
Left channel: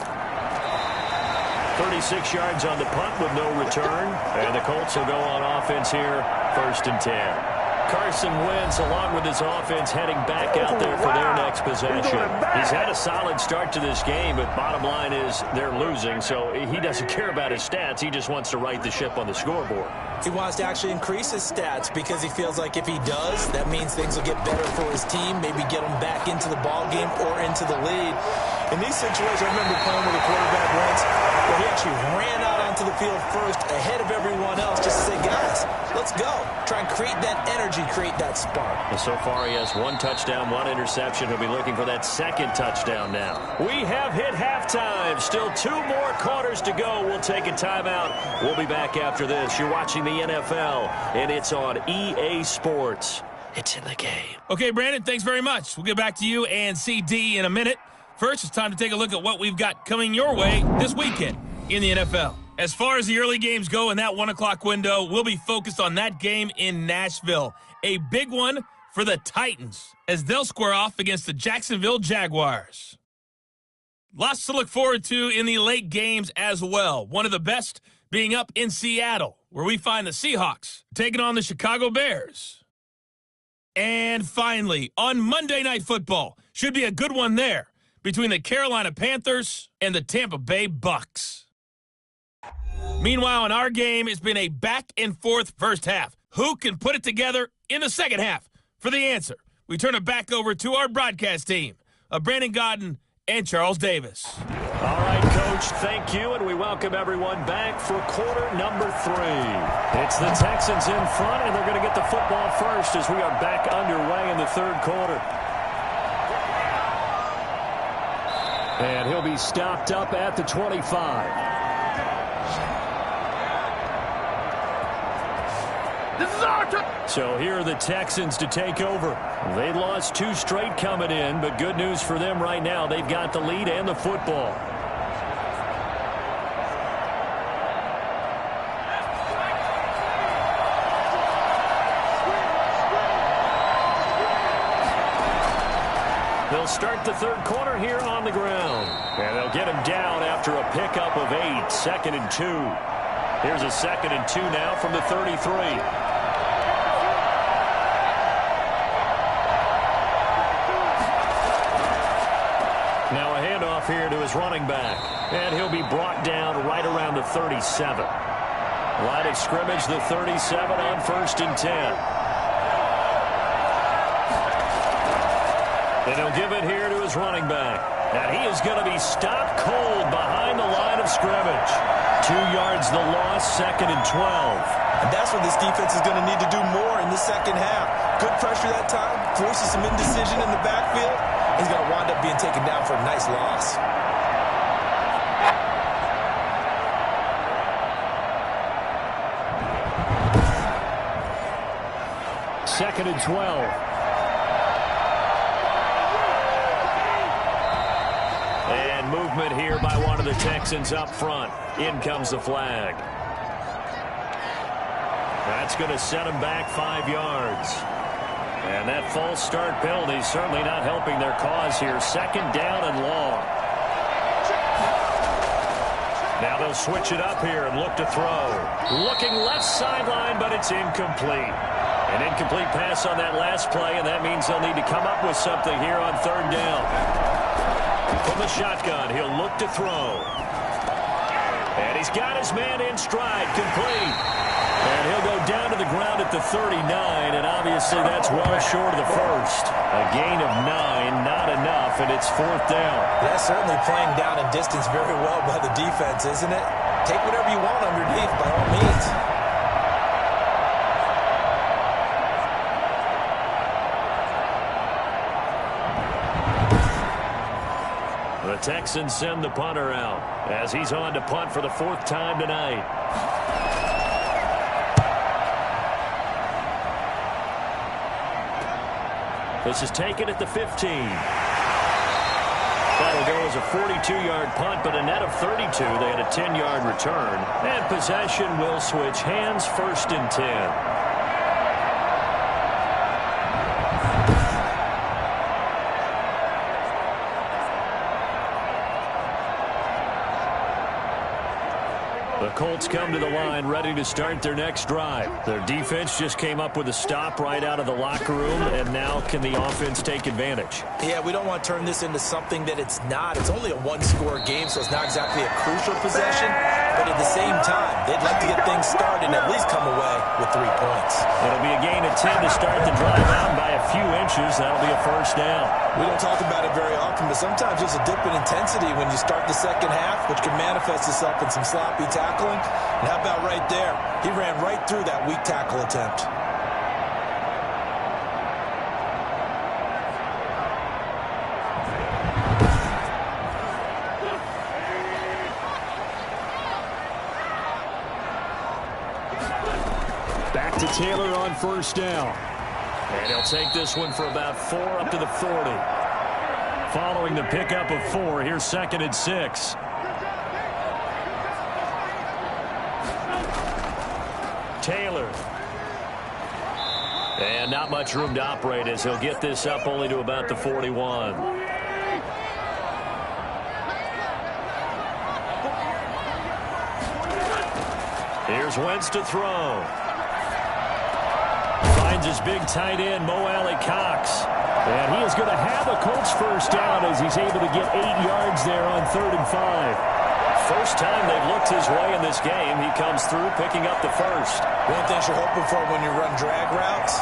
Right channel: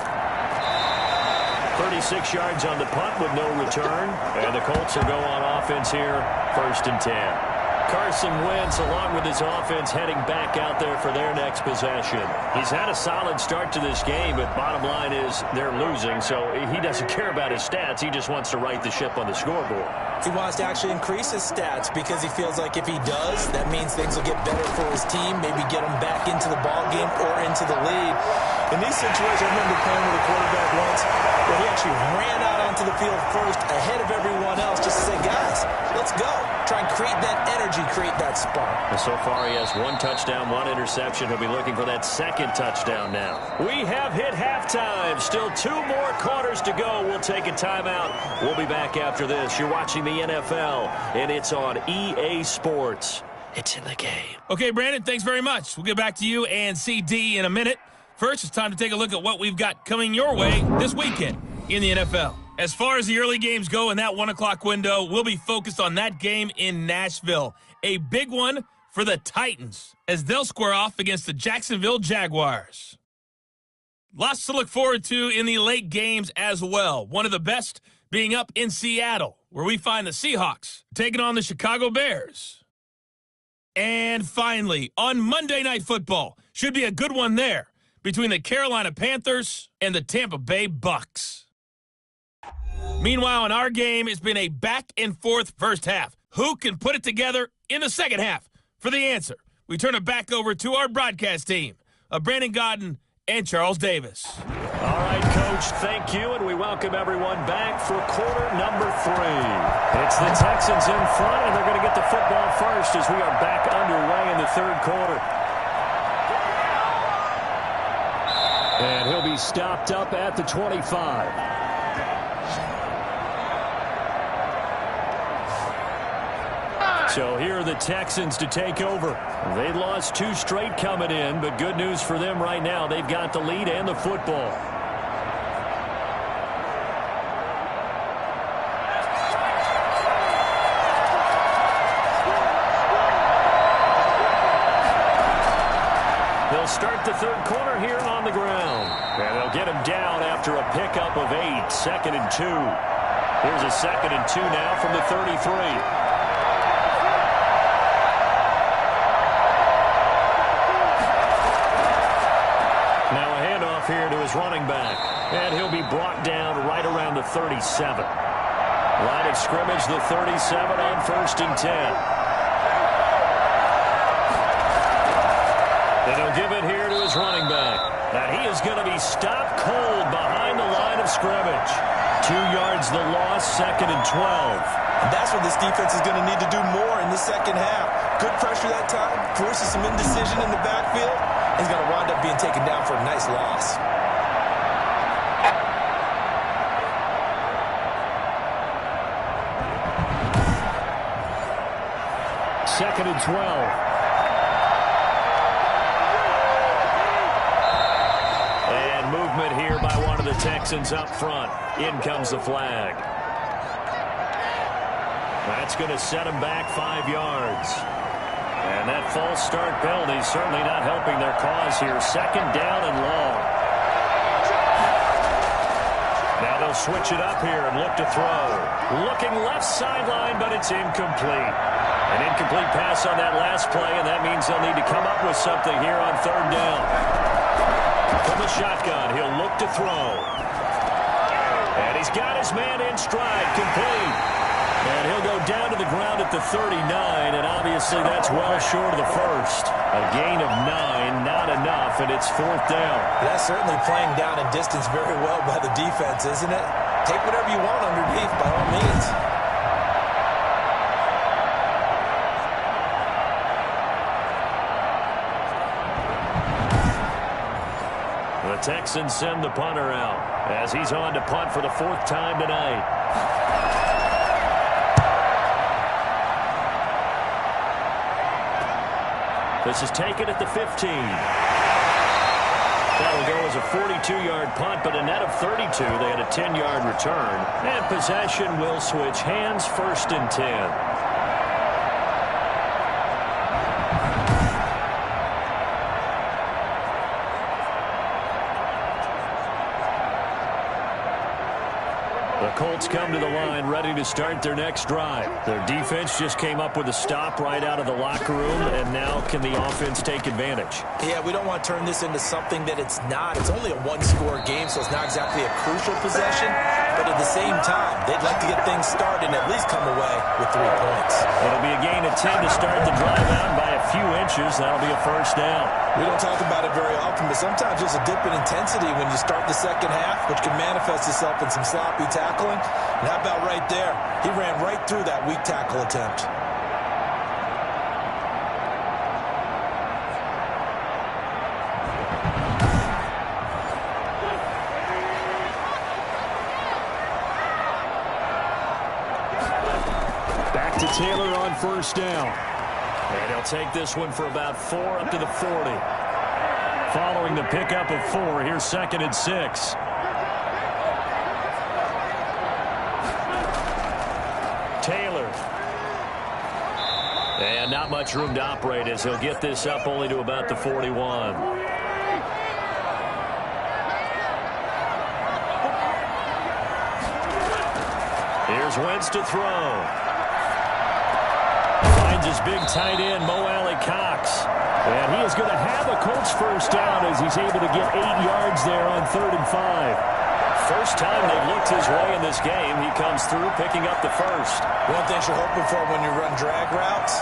36 yards on the punt with no return. And the Colts will go on offense here, 1st and 10. Carson Wentz, along with his offense, heading back out there for their next possession. He's had a solid start to this game, but bottom line is they're losing, so he doesn't care about his stats. He just wants to right the ship on the scoreboard. He wants to actually increase his stats because he feels like if he does, that means things will get better for his team, maybe get him back into the ball game or into the lead. In these situations, I remember playing with a quarterback once where he actually ran out onto the field first ahead of everyone else just to say, guys, let's go. Try and create that energy, create that spark. And so far, he has 1 touchdown, 1 interception. He'll be looking for that 2nd touchdown now. We have hit halftime. Still 2 more quarters to go. We'll take a timeout. We'll be back after this. You're watching the NFL, and it's on EA Sports. It's in the game. Okay, Brandon, thanks very much. We'll get back to you and CD in a minute. First, it's time to take a look at what we've got coming your way this weekend in the NFL. As far as the early games go in that 1 o'clock window, we'll be focused on that game in Nashville. A big one for the Titans as they'll square off against the Jacksonville Jaguars. Lots to look forward to in the late games as well. One of the best being up in Seattle, where we find the Seahawks taking on the Chicago Bears. And finally, on Monday Night Football, should be a good one there between the Carolina Panthers and the Tampa Bay Bucks. Meanwhile, in our game, it's been a back-and-forth first half. Who can put it together in the second half? For the answer, we turn it back over to our broadcast team of Brandon Godden and Charles Davis. All right, Coach, thank you, and we welcome everyone back for quarter number 3. It's the Texans in front, and they're going to get the football first as we are back underway in the third quarter. And he'll be stopped up at the 25. So here are the Texans to take over. They lost 2 straight coming in, but good news for them right now. They've got the lead and the football. They'll start the third quarter here on the ground. And they'll get him down after a pickup of 8, 2nd and 2. Here's a 2nd and 2 now from the 33. Now a handoff here to his running back. And he'll be brought down right around the 37. Line of scrimmage, the 37 on 1st and 10. And he'll give it here to his running back. And he is going to be stopped cold behind the line of scrimmage. 2 yards the loss, 2nd and 12. And that's what this defense is going to need to do more in the second half. Good pressure that time, forces some indecision in the backfield. He's going to wind up being taken down for a nice loss. Second and 12. And movement here by one of the Texans up front. In comes the flag. That's going to set him back 5 yards. And that false start penalty certainly not helping their cause here. 2nd down and long. Now they'll switch it up here and look to throw. Looking left sideline, but it's incomplete. An incomplete pass on that last play, and that means they'll need to come up with something here on 3rd down. From the shotgun, he'll look to throw. And he's got his man in stride, complete. And he'll go down to the ground at the 39, and obviously that's well short of the first. A gain of 9, not enough, and it's 4th down. That's certainly playing down in distance very well by the defense, isn't it? Take whatever you want underneath, by all means. The Texans send the punter out as he's on to punt for the 4th time tonight. This is taken at the 15. That'll go as a 42-yard punt, but a net of 32. They had a 10-yard return. And possession will switch hands, 1st and 10. The Colts come to the line ready to start their next drive. Their defense just came up with a stop right out of the locker room, and now can the offense take advantage? Yeah, we don't want to turn this into something that it's not. It's only a one-score game, so it's not exactly a crucial possession. But at the same time, they'd like to get things started and at least come away with 3 points. It'll be a gain of 10 to start the drive out by a few inches. That'll be a 1st down. We don't talk about it very often, but sometimes there's a dip in intensity when you start the second half, which can manifest itself in some sloppy tackling. And how about right there? He ran right through that weak tackle attempt. Back to Taylor on 1st down. And he'll take this one for about 4 up to the 40. Following the pickup of 4, here's 2nd and 6. Taylor. And not much room to operate as he'll get this up only to about the 41. Here's Wentz to throw. Finds his big tight end, Mo Alley-Cox. And he is going to have a Colts first down as he's able to get 8 yards there on 3rd and 5. First time they've looked his way in this game. He comes through picking up the first. One thing you're hoping for when you run drag routes,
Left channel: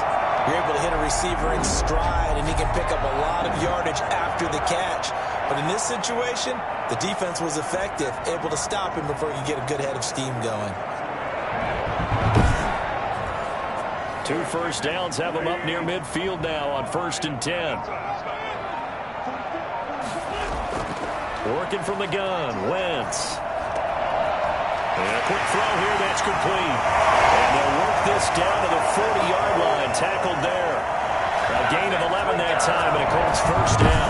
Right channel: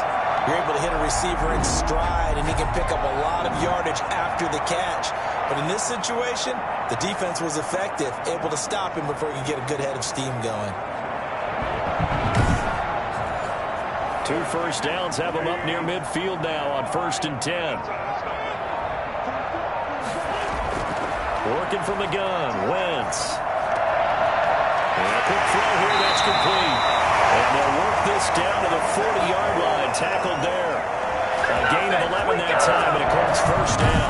you're able to hit a receiver in stride, and he can pick up a lot of yardage after the catch. But in this situation, the defense was effective, able to stop him before he could get a good head of steam going. 2 first downs have him up near midfield now on 1st and 10. Working from the gun, Wentz. And a quick throw here, that's complete. And they'll work this down to the 40-yard line, tackled there. A gain of 11 that time, and a Colts first down.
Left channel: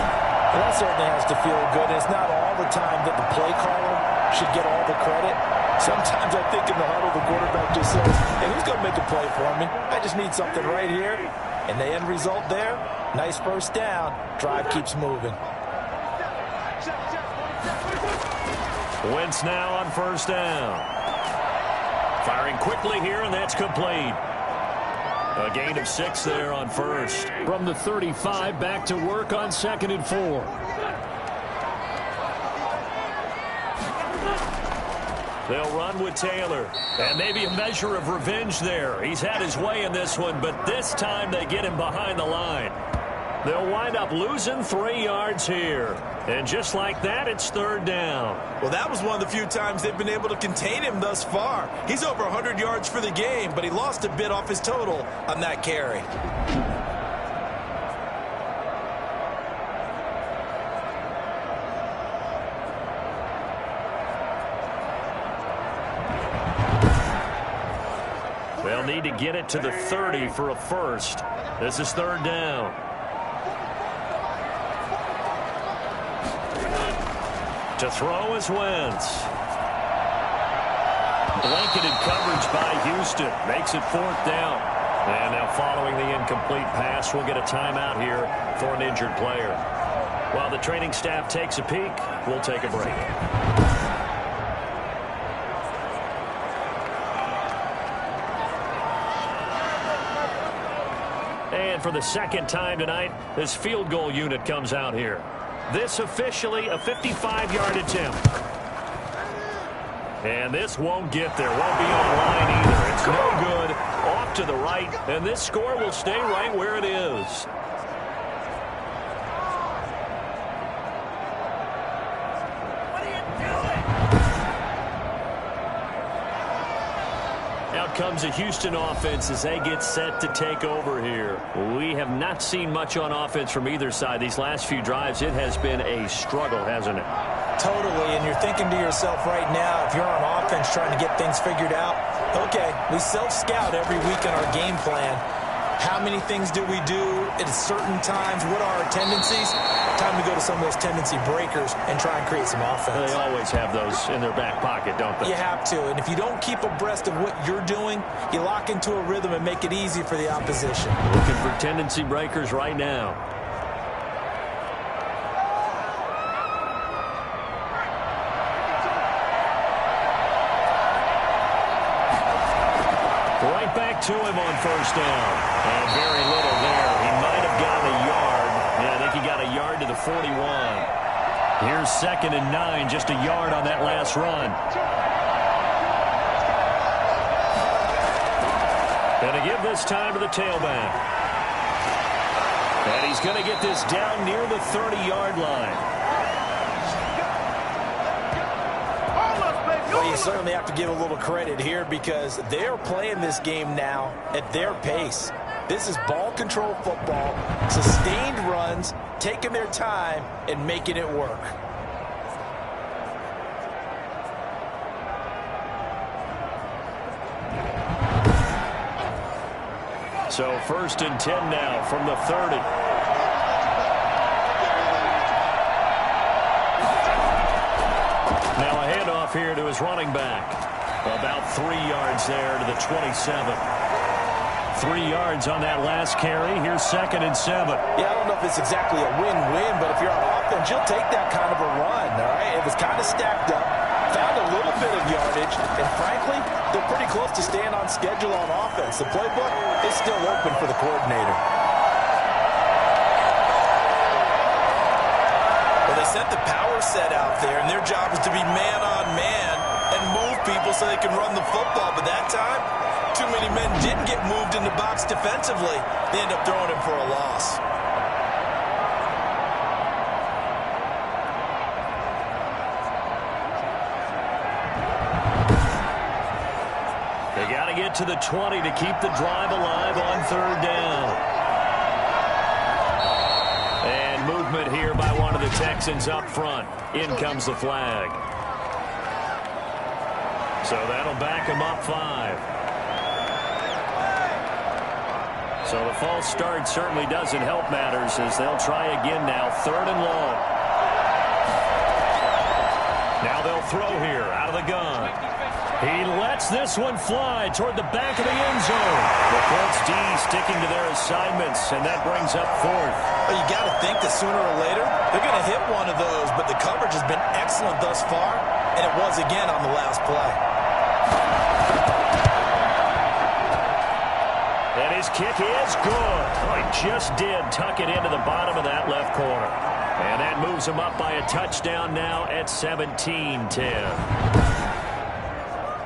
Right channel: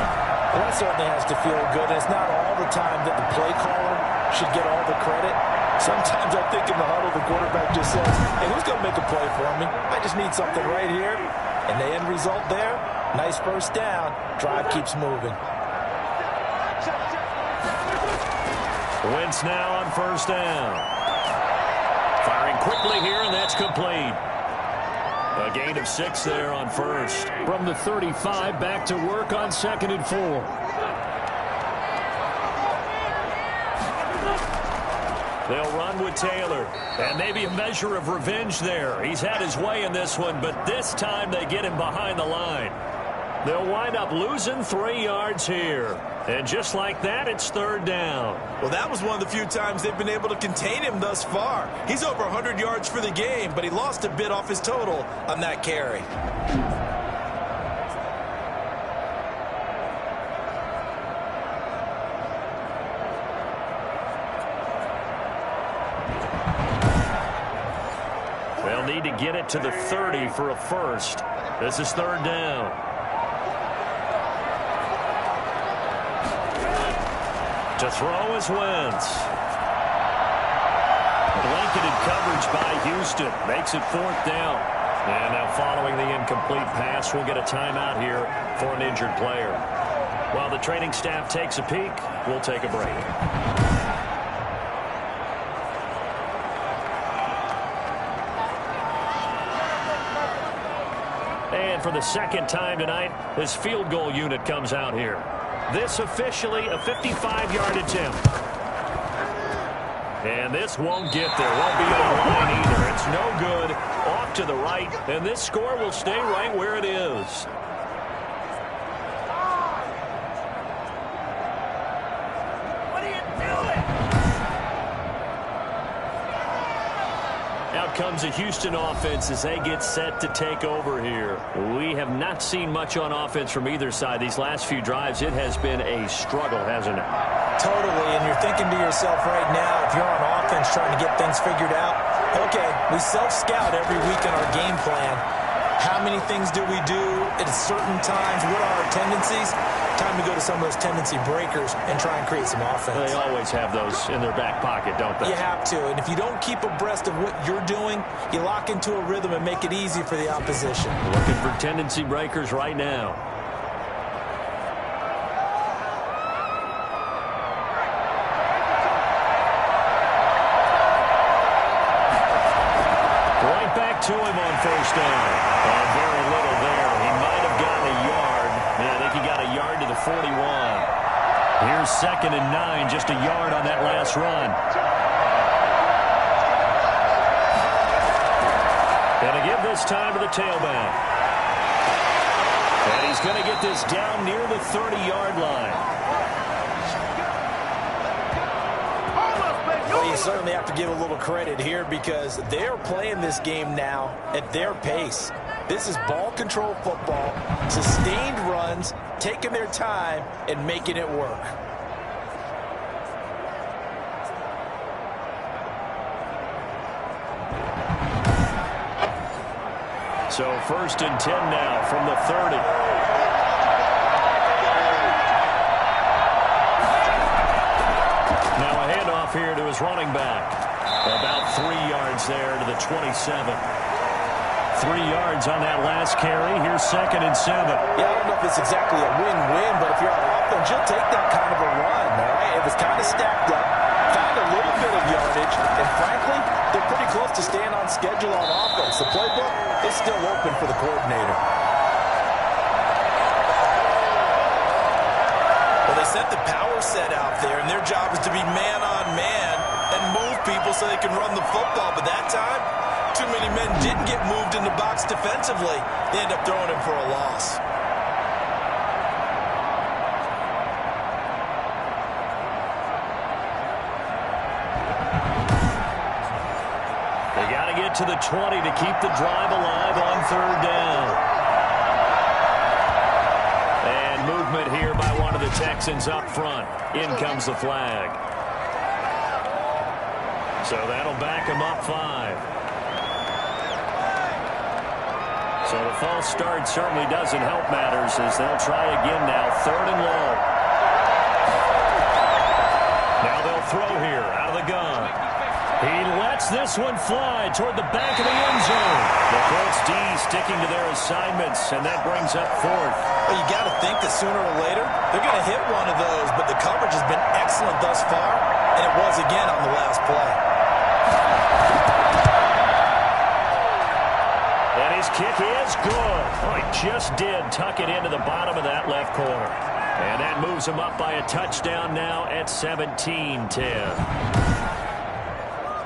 Well, that certainly has to feel good. It's not all the time that the play caller should get all the credit. Sometimes I think in the huddle, the quarterback just says, hey, who's going to make a play for me? I just need something right here. And the end result there, nice first down. Drive keeps moving. Wentz now on first down. Firing quickly here, and that's complete. A gain of 6 there on first. From the 35, back to work on 2nd and 4. They'll run with Taylor. And maybe a measure of revenge there. He's had his way in this one, but this time they get him behind the line. They'll wind up losing 3 yards here. And just like that, it's 3rd down. Well, that was one of the few times they've been able to contain him thus far. He's over 100 yards for the game, but he lost a bit off his total on that carry. They'll need to get it to the 30 for a first. This is 3rd down. To throw is Wentz. Blanketed coverage by Houston. Makes it 4th down. And now following the incomplete pass, we'll get a timeout here for an injured player. While the training staff takes a peek, we'll take a break. And for the 2nd time tonight, this field goal unit comes out here. This officially a 55-yard attempt. And this won't get there. Won't be on line either. It's no good. Off to the right. And this score will stay right where it is. Out comes a Houston offense as they get set to take over here. We have not seen much on offense from either side. These last few drives, it has been a struggle, hasn't it? Totally, and you're thinking to yourself right now, if you're on offense trying to get things figured out, okay, we self-scout every week in our game plan. How many things do we do at certain times? What are our tendencies? Time to go to some of those tendency breakers and try and create some offense. They always have those in their back pocket, don't they? You have to, and if you don't keep abreast of what you're doing, you lock into a rhythm and make it easy for the opposition. Looking for tendency breakers right now. Right back to him on first down. And very little there. He might have gotten a yard. Yeah, I think he got a yard to the 41. Here's 2nd and 9, just a yard on that last run. Going to give this time to the tailback. And he's going to get this down near the 30-yard line. Well, you certainly have to give a little credit here because they're playing this game now at their pace. This is ball control football, sustained runs, taking their time and making it work. So 1st and 10 now from the 30. Now a handoff here to his running back. About 3 yards there to the 27. 3 yards on that last carry. Here's 2nd and 7. Yeah, I don't know if it's exactly a win-win, but if you're on offense, you'll take that kind of a run, all right? It was kind of stacked up, found a little bit of yardage, and frankly, they're pretty close to staying on schedule on offense. The playbook is still open for the coordinator. Well, they sent the power set out there, and their job is to be man-on-man and move people so they can run the football. But that time, too many men didn't get moved in the box defensively. They end up throwing him for a loss. They got to get to the 20 to keep the drive alive on 3rd down. And movement here by one of the Texans up front. In comes the flag. So that'll back him up 5. So the false start certainly doesn't help matters as they'll try again now. 3rd and long. Now they'll throw here out of the gun. He lets this one fly toward the back of the end zone. The Colts D sticking to their assignments, and that brings up 4th. Well, you got to think that sooner or later they're going to hit one of those, but the coverage has been excellent thus far, and it was again on the last play. And his kick is good. Oh, he just did tuck it into the bottom of that left corner. And that moves him up by a touchdown now at 17-10.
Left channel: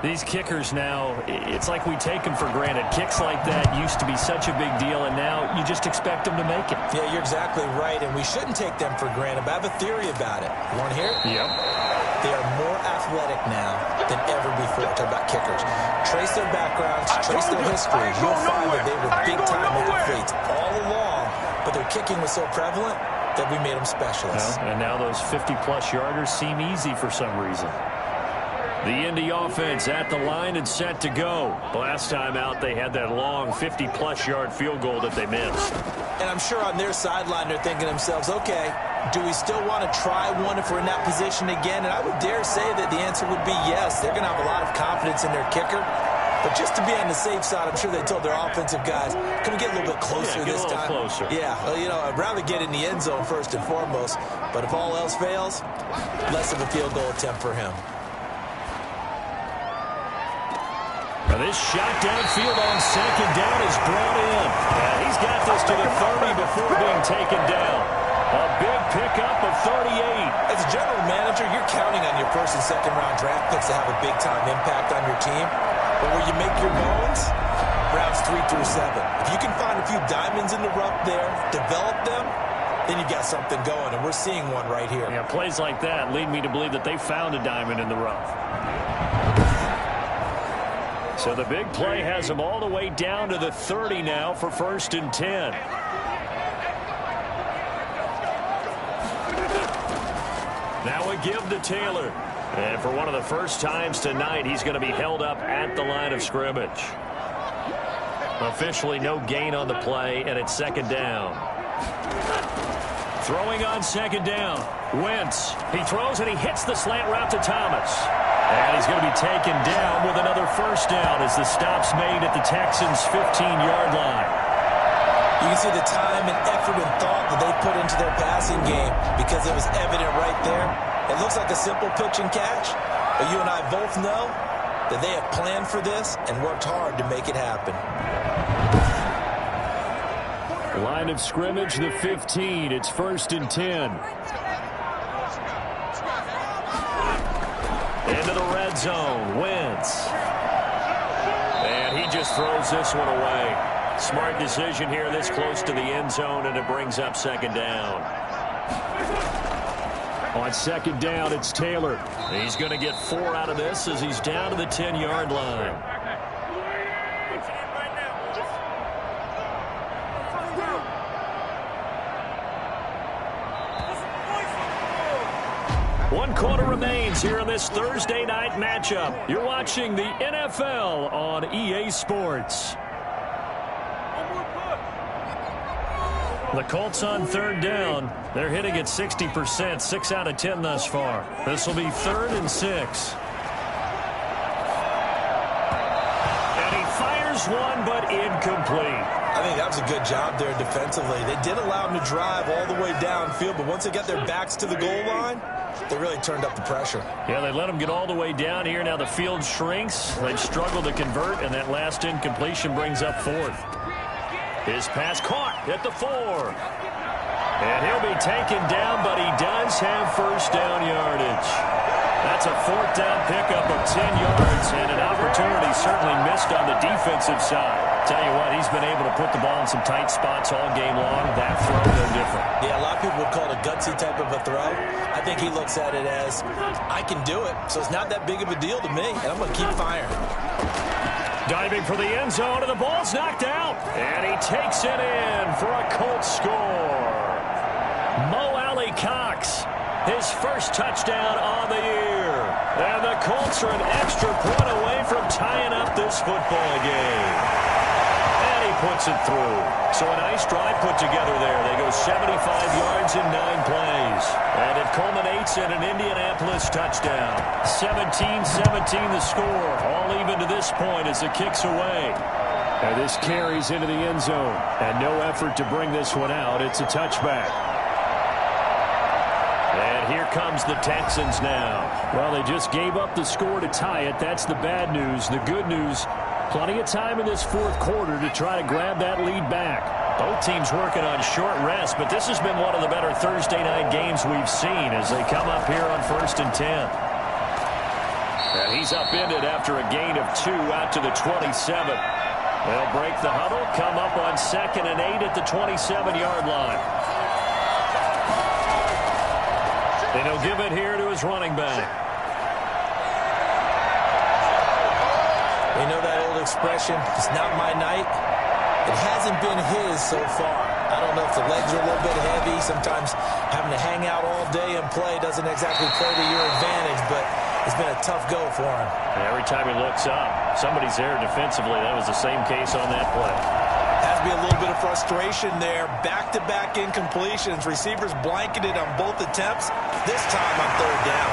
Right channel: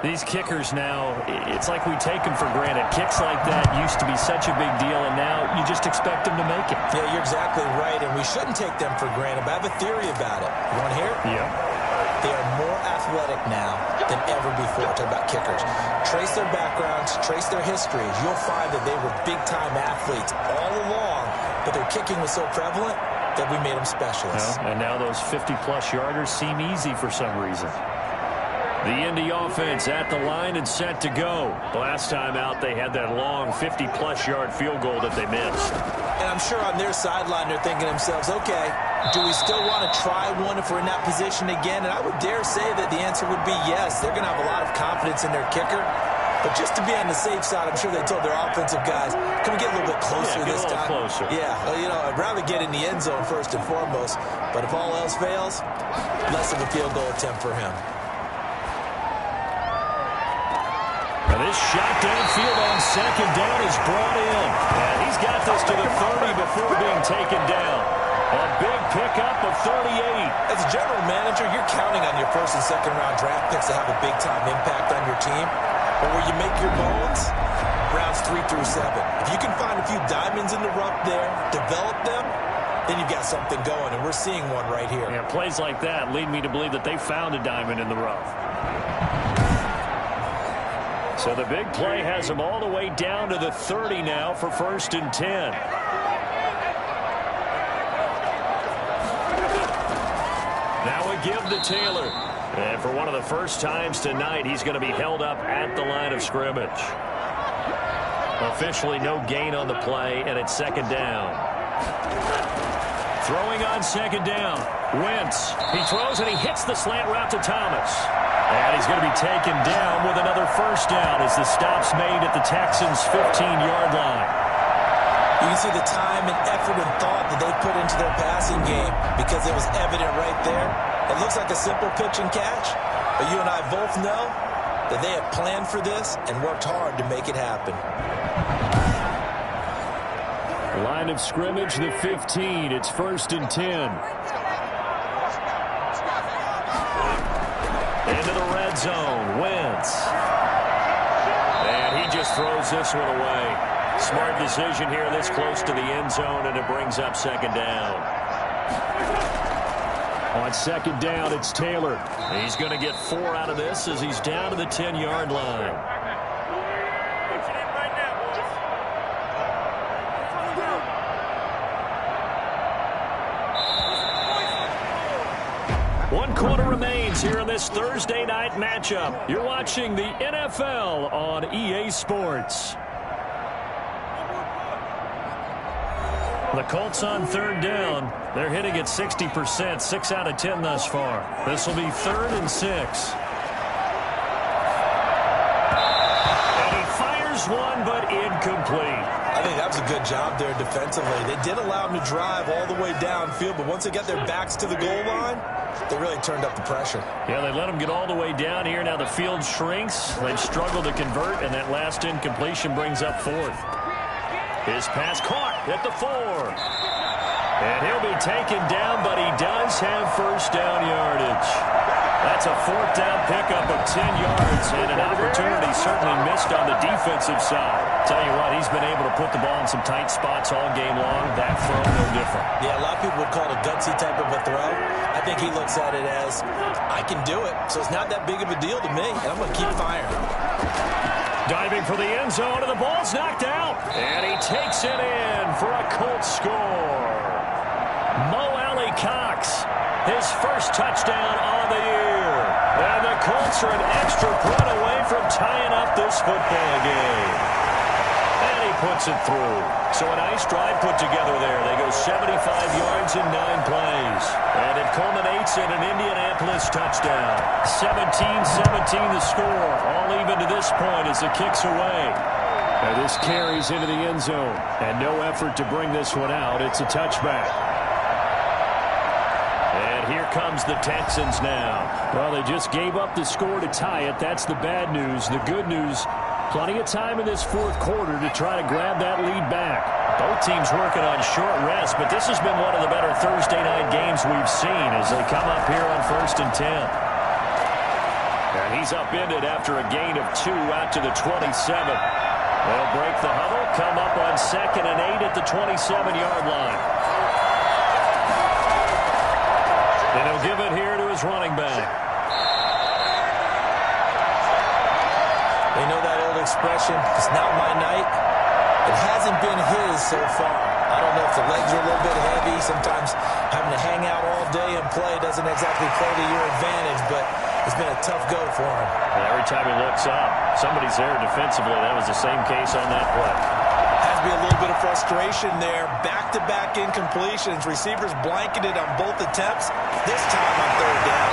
These kickers now, it's like we take them for granted. Kicks like that used to be such a big deal, and now you just expect them to make it. Yeah, you're exactly right, and we shouldn't take them for granted, but I have a theory about it. You want to hear it? Yep. They are more athletic now than ever before. Talk about kickers. Trace their backgrounds, trace their histories. You'll find that they were big-time athletes all along, but their kicking was so prevalent that we made them specialists. Well, and now those 50-plus yarders seem easy for some reason. The Indy offense at the line and set to go. Last time out, they had that long 50-plus yard field goal that they missed. And I'm sure on their sideline, they're thinking to themselves, okay, do we still want to try one if we're in that position again? And I would dare say that the answer would be yes. They're going to have a lot of confidence in their kicker. But just to be on the safe side, I'm sure they told their offensive guys, can we get a little bit closer this time? Closer. Yeah, well, you know, I'd rather get in the end zone first and foremost. But if all else fails, less of a field goal attempt for him. Now this shot downfield on 2nd down is brought in. And he's got this to the 30 before being taken down. A big pickup of 38. As a general manager, you're counting on your first and second round draft picks to have a big-time impact on your team. But where you make your bones, rounds 3 through 7. If you can find a few diamonds in the rough there, develop them, then you've got something going, and we're seeing one right here. Yeah, plays like that lead me to believe that they found a diamond in the rough. So the big play has them all the way down to the 30 now for 1st and 10. Now a give to Taylor. And for one of the first times tonight, he's going to be held up at the line of scrimmage. Officially no gain on the play, and it's 2nd down. Throwing on 2nd down. Wentz. He throws and he hits the slant route to Thomas. And he's going to be taken down with another 1st down as the stop's made at the Texans' 15-yard line. You can see the time and effort and thought that they put into their passing game because it was evident right there. It looks like a simple pitch and catch, but you and I both know that they have planned for this and worked hard to make it happen. Line of scrimmage, the 15. It's 1st and 10. Into the red zone, Wentz. And he just throws this one away. Smart decision here this close to the end zone, and it brings up 2nd down. On 2nd down, it's Taylor. He's going to get 4 out of this as he's down to the 10-yard line. One quarter remains here in this Thursday night matchup. You're watching the NFL on EA Sports. The Colts on 3rd down. They're hitting at 60%, 6 out of 10 thus far. This will be 3rd and 6. And he fires Fires one, but incomplete. I think that was a good job there defensively. They did allow them to drive all the way downfield, but once they got their backs to the goal line, they really turned up the pressure. Yeah, they let them get all the way down here. Now the field shrinks. They've struggled to convert, and that last incompletion brings up fourth. His pass caught at the 4. And he'll be taken down, but he does have first down yardage. That's a fourth down pickup of 10 yards, and an opportunity certainly missed on the defensive side. Tell you what, he's been able to put the ball in some tight spots all game long. That throw, no different. Yeah, a lot of people would call it a gutsy type of a throw. I think he looks at it as, I can do it, so it's not that big of a deal to me, and I'm going to keep firing. Diving for the end zone, and the ball's knocked out. And he takes it in for a Colts score. Mo Alley-Cox, his first touchdown on the year. And the Colts are an extra point away from tying up this football game. And he puts it through. So a nice drive put together there. They go 75 yards in 9 plays. And it culminates in an Indianapolis touchdown. 17-17 the score. All even to this point as the kick's away. Now this carries into the end zone. And no effort to bring this one out. It's a touchback. And here comes the Texans now. Well, they just gave up the score to tie it. That's the bad news. The good news, plenty of time in this fourth quarter to try to grab that lead back. Both teams working on short rest, but this has been one of the better Thursday night games we've seen as they come up here on 1st and 10. And he's upended after a gain of 2 out to the 27. They'll break the huddle, come up on 2nd and 8 at the 27-yard line. And he'll give it here to his running back. You know that old expression, it's not my night? It hasn't been his so far. I don't know if the legs are a little bit heavy. Sometimes having to hang out all day and play doesn't exactly play to your advantage, but it's been a tough go for him. And every time he looks up, somebody's there defensively. That was the same case on that play. Has to be a little bit of frustration there. Back-to-back incompletions. Receivers blanketed on both attempts. This time on 3rd down.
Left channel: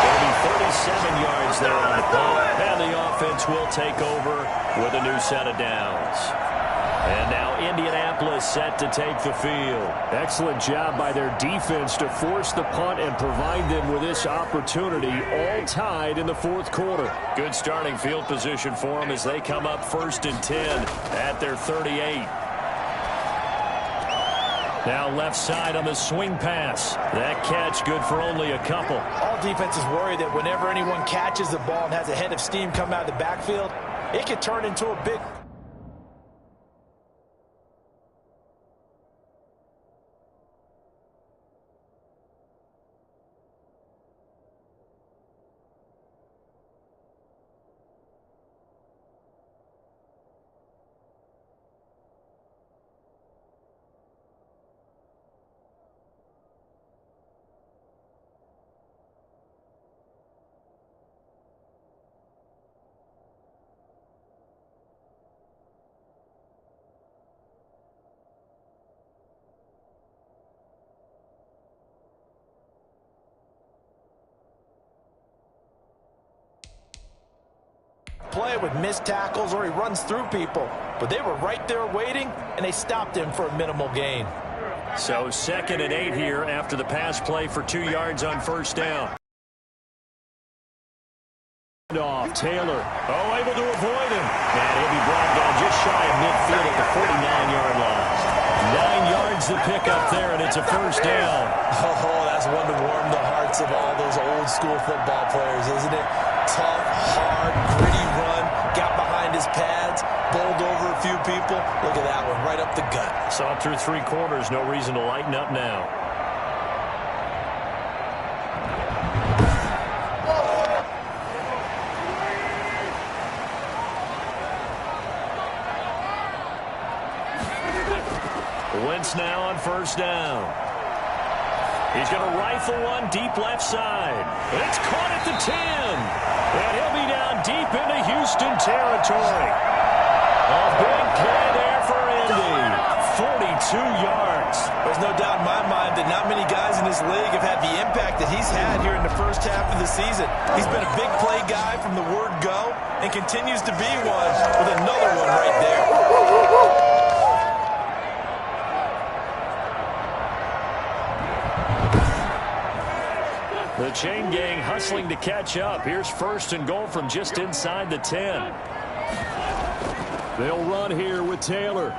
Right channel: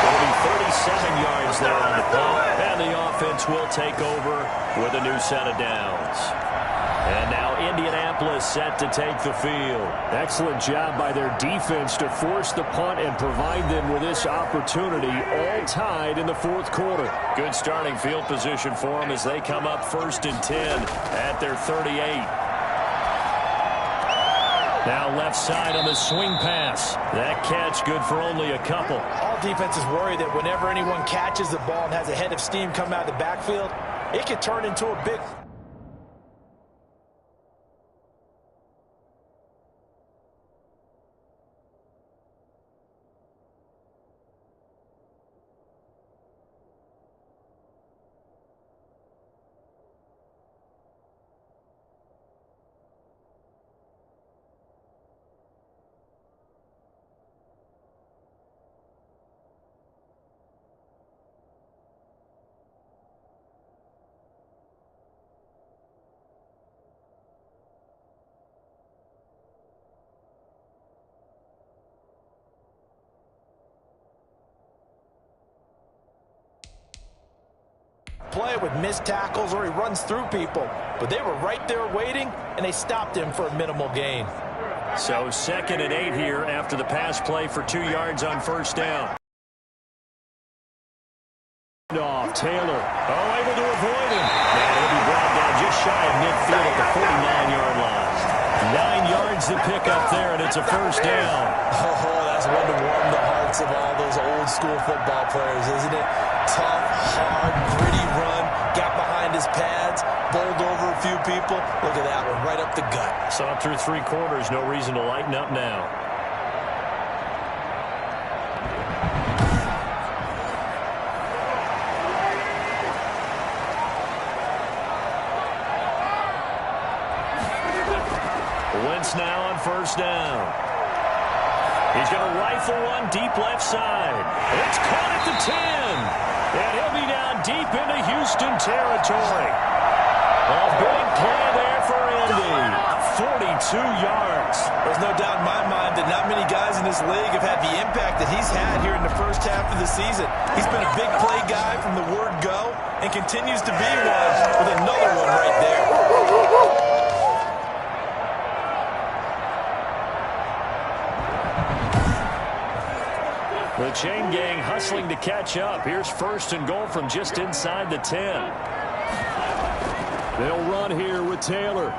It'll be 37 yards there on the punt. And the offense will take over with a new set of downs. And now Indianapolis set to take the field. Excellent job by their defense to force the punt and provide them with this opportunity, all tied in the fourth quarter. Good starting field position for them as they come up 1st and 10 at their 38. Now left side on the swing pass. That catch good for only a couple. All defenses worry that whenever anyone catches the ball and has a head of steam come out of the backfield, it could turn into a big... play with missed tackles or he runs through people. But they were right there waiting, and they stopped him for a minimal gain. So 2nd and 8 here after the pass play for 2 yards on 1st down. Off Taylor. Oh, able to avoid him. And he'll be brought down just shy of midfield at the 49-yard line. 9 yards to pick up there, and it's a 1st down. Oh, that's one to warm the hearts of all those old-school football players, isn't it? Tough, hard, gritty run. Got behind his pads, bowled over a few people. Look at that one, right up the gut. Saw it through 3 quarters. No reason to lighten up now. Wentz now on 1st down. He's going to rifle one deep left side. It's caught at the 10. And he'll be down deep into Houston territory. A big play there for Indy. 42 yards. There's no doubt in my mind that not many guys in this league have had the impact that he's had here in the first half of the season. He's been a big play guy from the word go and continues to be one with another one right there. The chain gang hustling to catch up. Here's first and goal from just inside the 10. They'll run here with Taylor.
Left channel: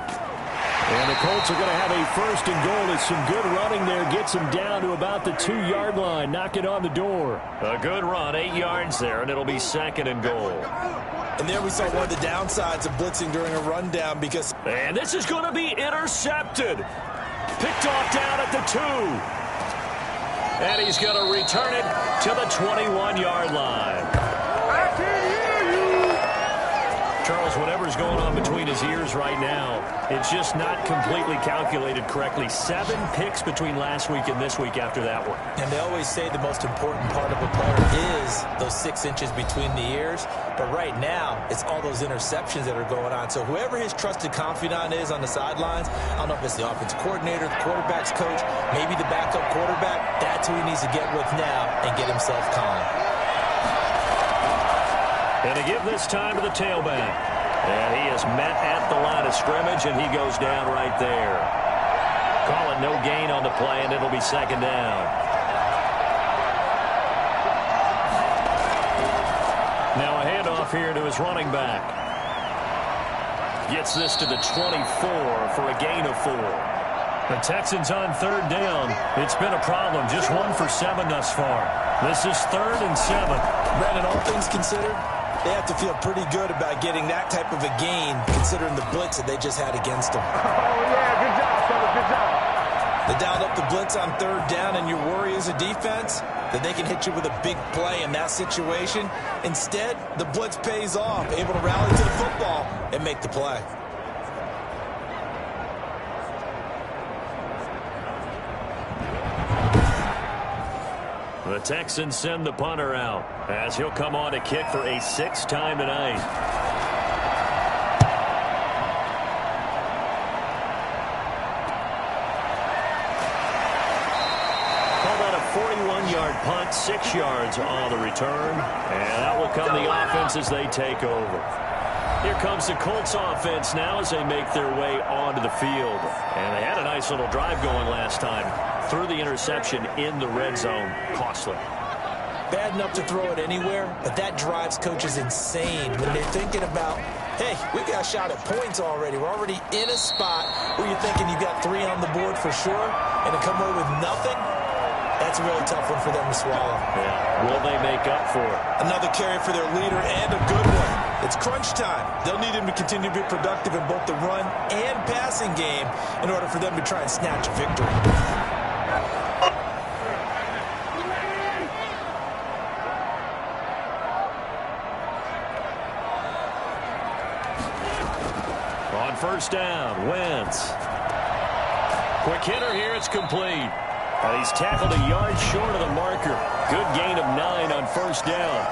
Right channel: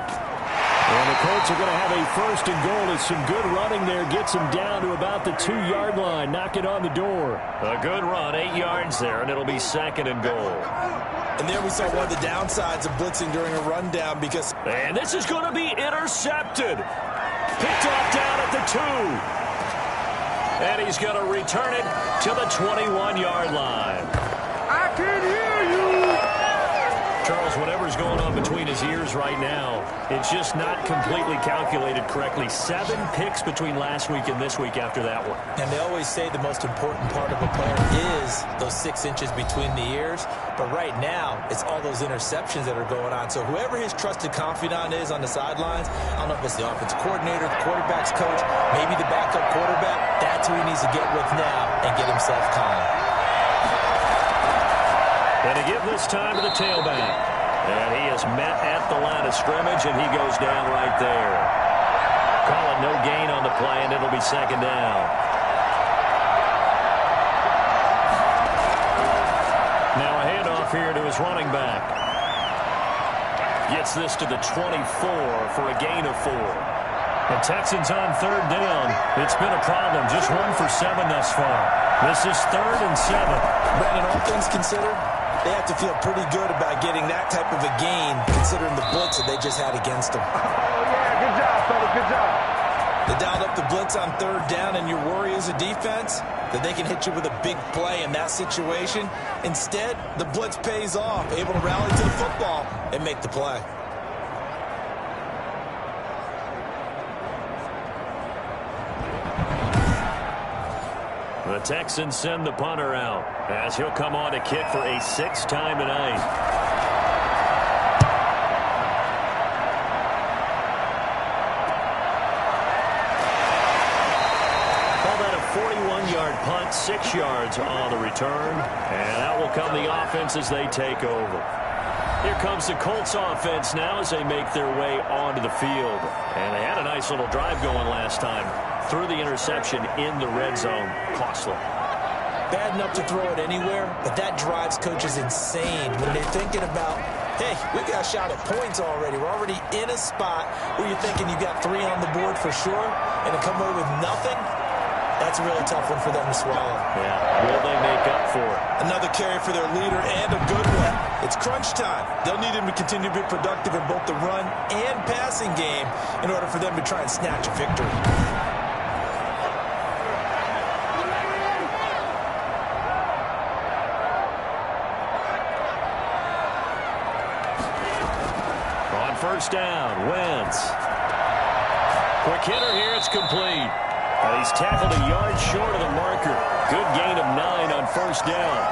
And the Colts are going to have a first and goal as some good running there gets them down to about the 2-yard line. Knock it on the door. A good run, 8 yards there, and it'll be second and goal. And there we saw one of the downsides of blitzing during a rundown because... And this is going to be intercepted. Picked off down at the 2. And he's going to return it to the 21-yard line. I can hear you. Charles, whatever's going on between his ears right now, it's just not completely calculated correctly. 7 picks between last week and this week after that one. And they always say the most important part of a player is those 6 inches between the ears. But right now, it's all those interceptions that are going on. So whoever his trusted confidant is on the sidelines, I don't know if it's the offensive coordinator, the quarterback's coach, maybe the backup quarterback, that's who he needs to get with now and get himself calm. And to give this time to the tailback. And he is met at the line of scrimmage, and he goes down right there. Call it no gain on the play, and it'll be second down. Now a handoff here to his running back. Gets this to the 24 for a gain of 4. The Texans on third down. It's been a problem. Just 1 for 7 thus far. This is 3rd and 7. Brandon, all things considered, they have to feel pretty good about getting that type of a gain considering the blitz that they just had against them. Oh, yeah, good job, fellas, good job. They dialed up the blitz on third down, and your worry as a defense that they can hit you with a big play in that situation. Instead, the blitz pays off, able to rally to the football and make the play. The Texans send the punter out as he'll come on to kick for a 6th time tonight. Call that a 41-yard punt, 6 yards on the return. And out will come the offense as they take over. Here comes the Colts offense now as they make their way onto the field. And they had a nice little drive going last time. Threw the interception in the red zone. Costly. Bad enough to throw it anywhere, but that drives coaches insane when they're thinking about, hey, we got a shot at points already. We're already in a spot where you're thinking you got 3 on the board for sure, and to come away with nothing, that's a really tough one for them to swallow. Yeah, will they make up for it? Another carry for their leader and a good one. It's crunch time. They'll need him to continue to be productive in both the run and passing game in order for them to try and snatch a victory. On first down, Wentz. Quick hitter here, it's complete. And he's tackled a yard short of the marker. Good gain of 9 on first down.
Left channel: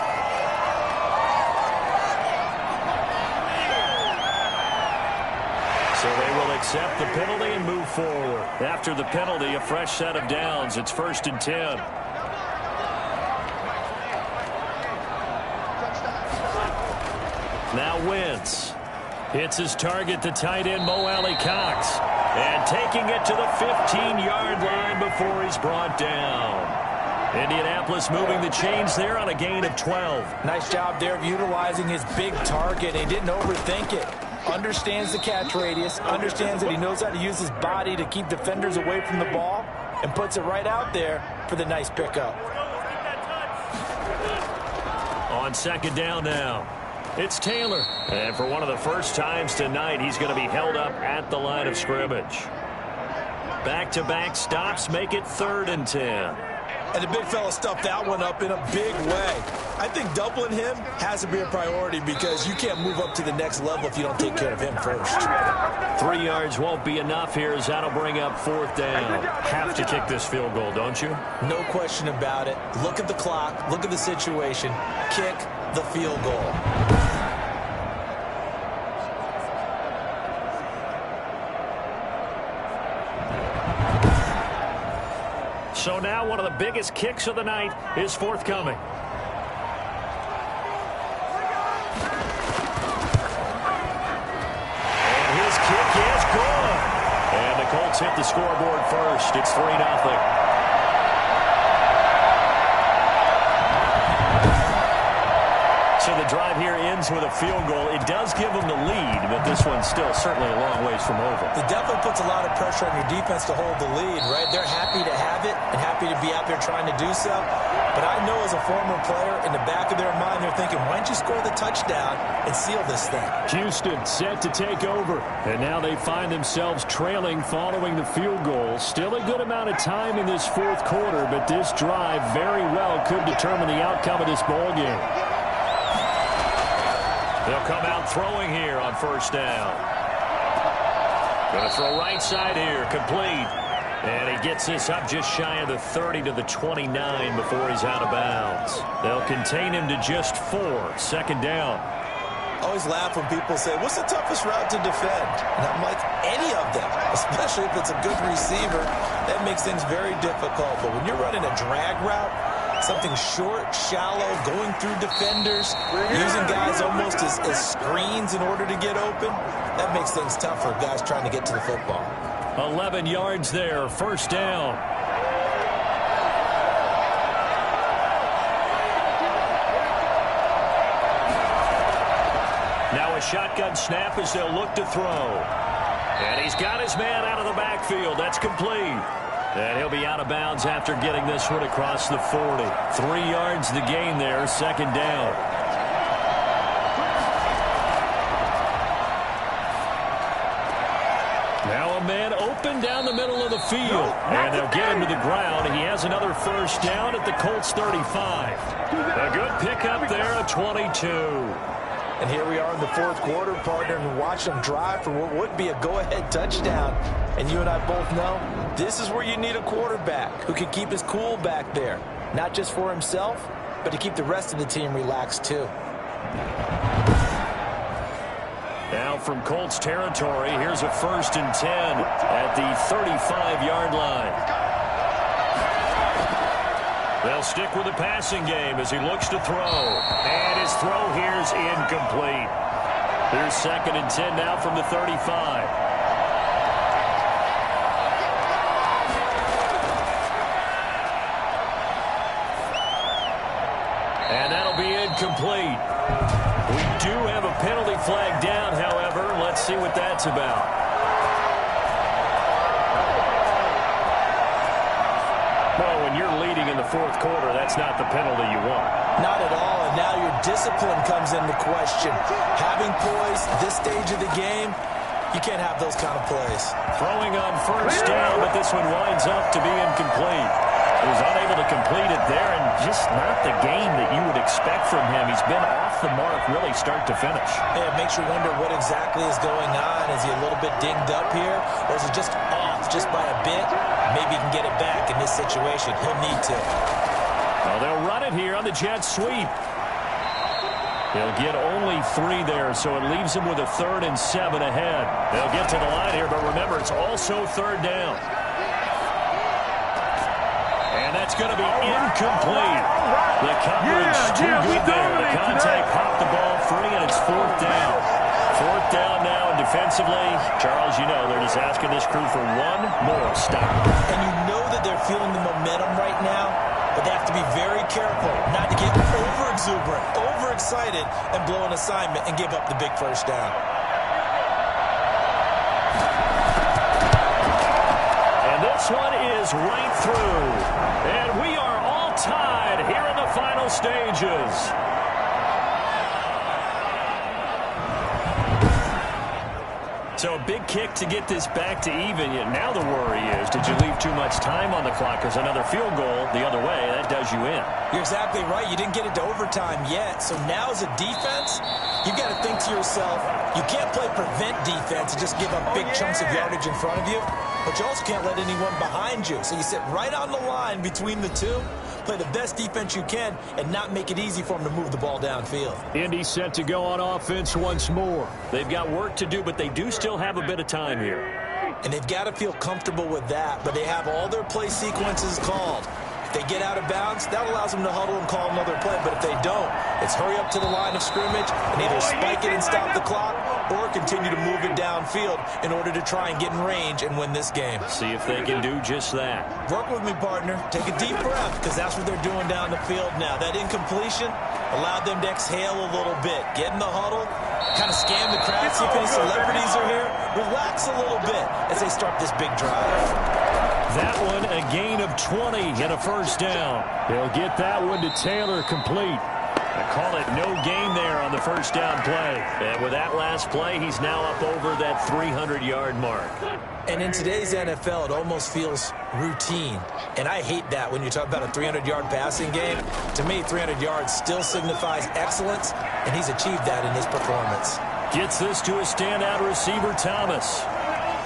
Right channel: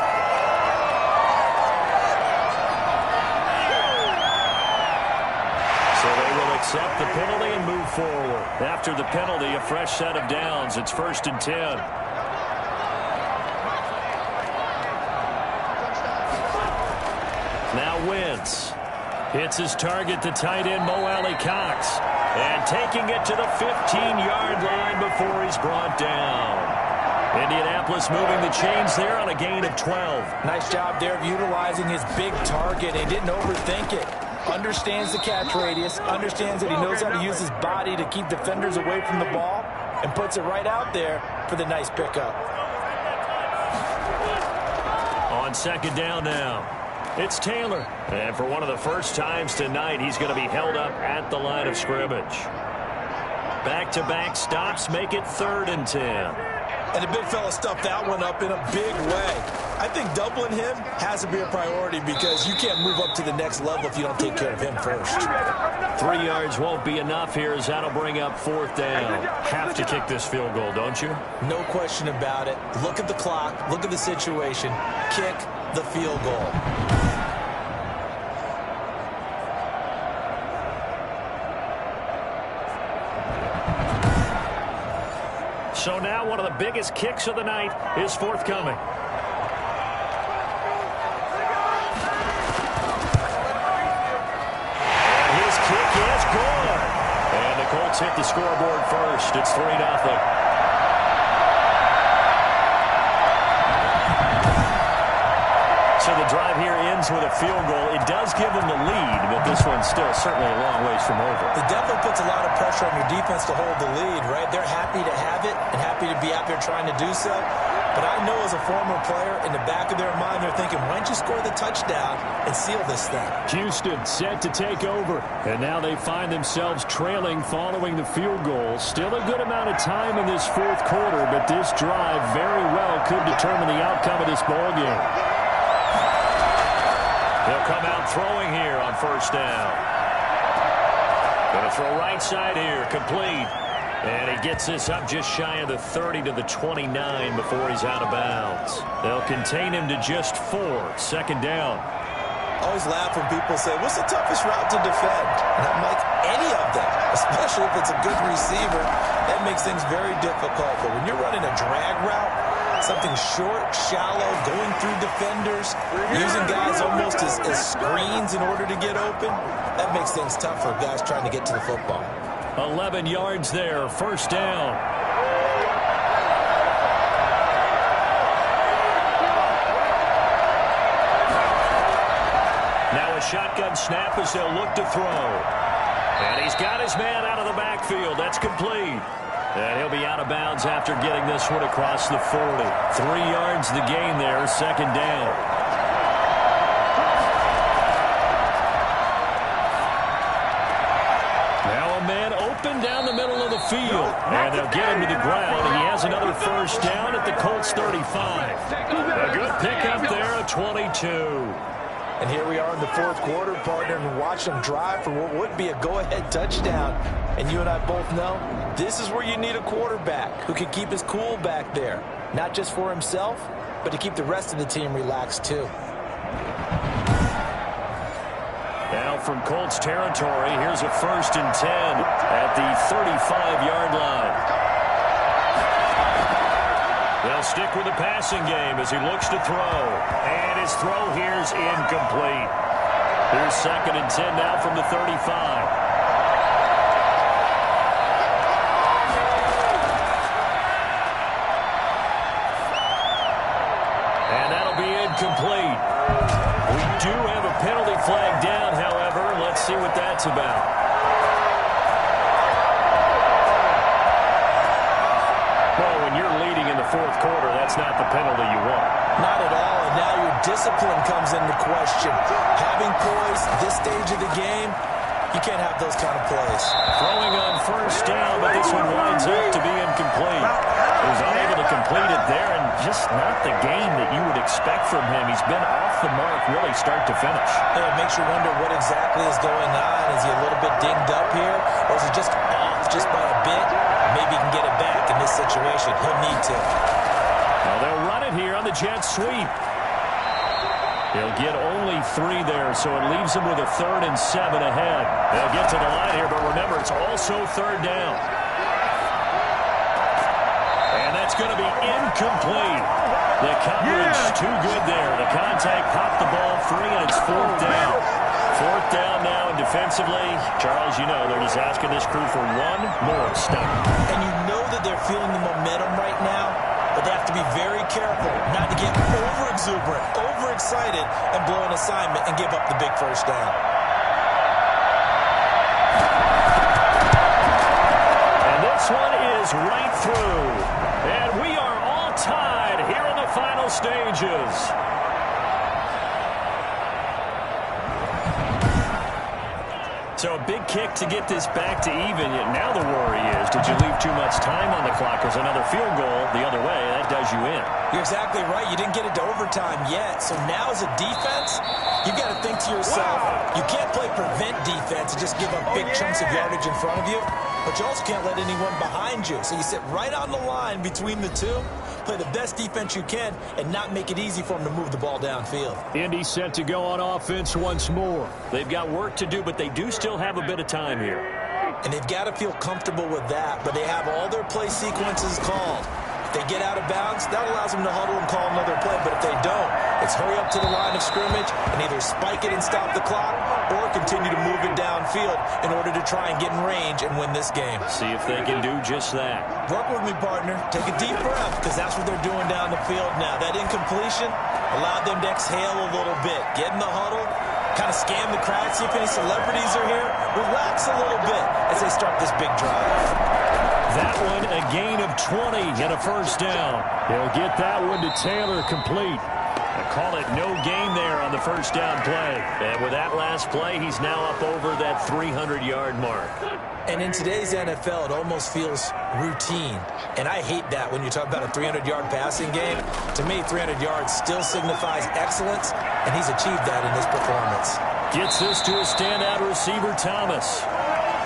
So they will accept the penalty and move forward. After the penalty, a fresh set of downs. It's 1st and 10. Now Wentz hits his target, the tight end Mo Alley Cox. And taking it to the 15-yard line before he's brought down. Indianapolis moving the chains there on a gain of 12. Nice job there of utilizing his big target. He didn't overthink it. Understands the catch radius. Understands that he knows how to use his body to keep defenders away from the ball. And puts it right out there for the nice pickup. On second down now. It's Taylor. And for one of the first times tonight, he's going to be held up at the line of scrimmage. Back-to-back stops make it 3rd and 10. And the big fella stuffed that one up in a big way. I think doubling him has to be a priority because you can't move up to the next level if you don't take care of him first. 3 yards won't be enough here as that'll bring up 4th down. Have to kick this field goal, don't you? No question about it. Look at the clock. Look at the situation. Kick the field goal. So now one of the biggest kicks of the night is forthcoming. And his kick is good. And the Colts hit the scoreboard first. It's 3-0. So the drive here ends with a field goal. It does give them the lead, but this one's still certainly a long ways from over. It definitely puts a lot of pressure on your defense to hold the lead, right? They're happy to have it and happy to be out there trying to do so. But I know as a former player, in the back of their mind, they're thinking, why don't you score the touchdown and seal this thing? Houston set to take over. And now they find themselves trailing following the field goal. Still a good amount of time in this fourth quarter, but this drive very well could determine the outcome of this ball game. They'll come out throwing here on first down. Going to throw right side here, complete. And he gets this up just shy of the 30 to the 29 before he's out of bounds. They'll contain him to just 4. Second down. I always laugh when people say, what's the toughest route to defend? And I'm like, any of them, especially if it's a good receiver. That makes things very difficult. But when you're running a drag route, something short, shallow, going through defenders, using guys almost as screens in order to get open, that makes things tough for guys trying to get to the football. 11 yards there, first down. Now a shotgun snap as they'll look to throw. And he's got his man out of the backfield. That's complete. And he'll be out of bounds after getting this one across the 40. 3 yards the gain there, second down. Now a man open down the middle of the field. And they'll get him to the ground. He has another first down at the Colts 35. A good pickup there, a 22. And here we are in the fourth quarter, partner, and watch them drive for what would be a go-ahead touchdown. And you and I both know this is where you need a quarterback who can keep his cool back there. Not just for himself, but to keep the rest of the team relaxed too. Now from Colts territory, here's a 1st and 10 at the 35-yard line. They'll stick with the passing game as he looks to throw. And his throw here's incomplete. Here's 2nd and 10 now from the 35. And that'll be incomplete. We do have a penalty flag down, however. Let's see what that's about. Well, when you're leading in the fourth quarter, that's not the penalty you want. Not at all, and now your discipline comes into question. Having poise this stage of the game, you can't have those kind of plays. Throwing on first down, but this one winds up to be incomplete. He was unable to complete it there, and just not the game that you would expect from him. He's been off the mark really start to finish. It makes you wonder what exactly is going on. Is he a little bit dinged up here, or is he just off just by a bit? Maybe he can get it back in this situation. He'll need to. Well, they'll run it here on the jet sweep. He'll get only 3 there, so it leaves him with a 3rd and 7 ahead. They'll get to the line here, but remember, it's also 3rd down. And that's going to be incomplete. The coverage too good there. The contact popped the ball free, and it's 4th down. 4th down now, and defensively, Charles, you know, they're just asking this crew for one more stop. And you know that they're feeling the momentum right now, but they have to be very careful not to get over-exuberant, overexcited, and blow an assignment and give up the big first down. And this one is right through. And we are all tied here in the final stages. So a big kick to get this back to even. Yet now the worry is, did you leave too much time on the clock? Because another field goal the other way, that does you in. You're exactly right. You didn't get it to overtime yet. So now as a defense, you've got to think to yourself, you can't play prevent defense and just give up big chunks of yardage in front of you. But you also can't let anyone behind you. So you sit right on the line between the two, play the best defense you can, and not make it easy for them to move the ball downfield. Indy set to go on offense once more. They've got work to do, but they do still have a bit of time here. And they've got to feel comfortable with that, but they have all their play sequences called. If they get out of bounds, that allows them to huddle and call another play. But if they don't, it's hurry up to the line of scrimmage and either spike it and stop the clock or continue to move it downfield in order to try and get in range and win this game. See if they can do just that. Work with me, partner. Take a deep breath, because that's what they're doing down the field now. That incompletion allowed them to exhale a little bit. Get in the huddle, kind of scan the crowd, see if any celebrities are here. Relax a little bit as they start this big drive. That one, a gain of 20 and a first down. He'll get that one to Taylor complete. I call it no gain there on the first down play. And with that last play, he's now up over that 300-yard mark. And in today's NFL, it almost feels routine. And I hate that when you talk about a 300-yard passing game. To me, 300 yards still signifies excellence, and he's achieved that in his performance. Gets this to a standout receiver, Thomas.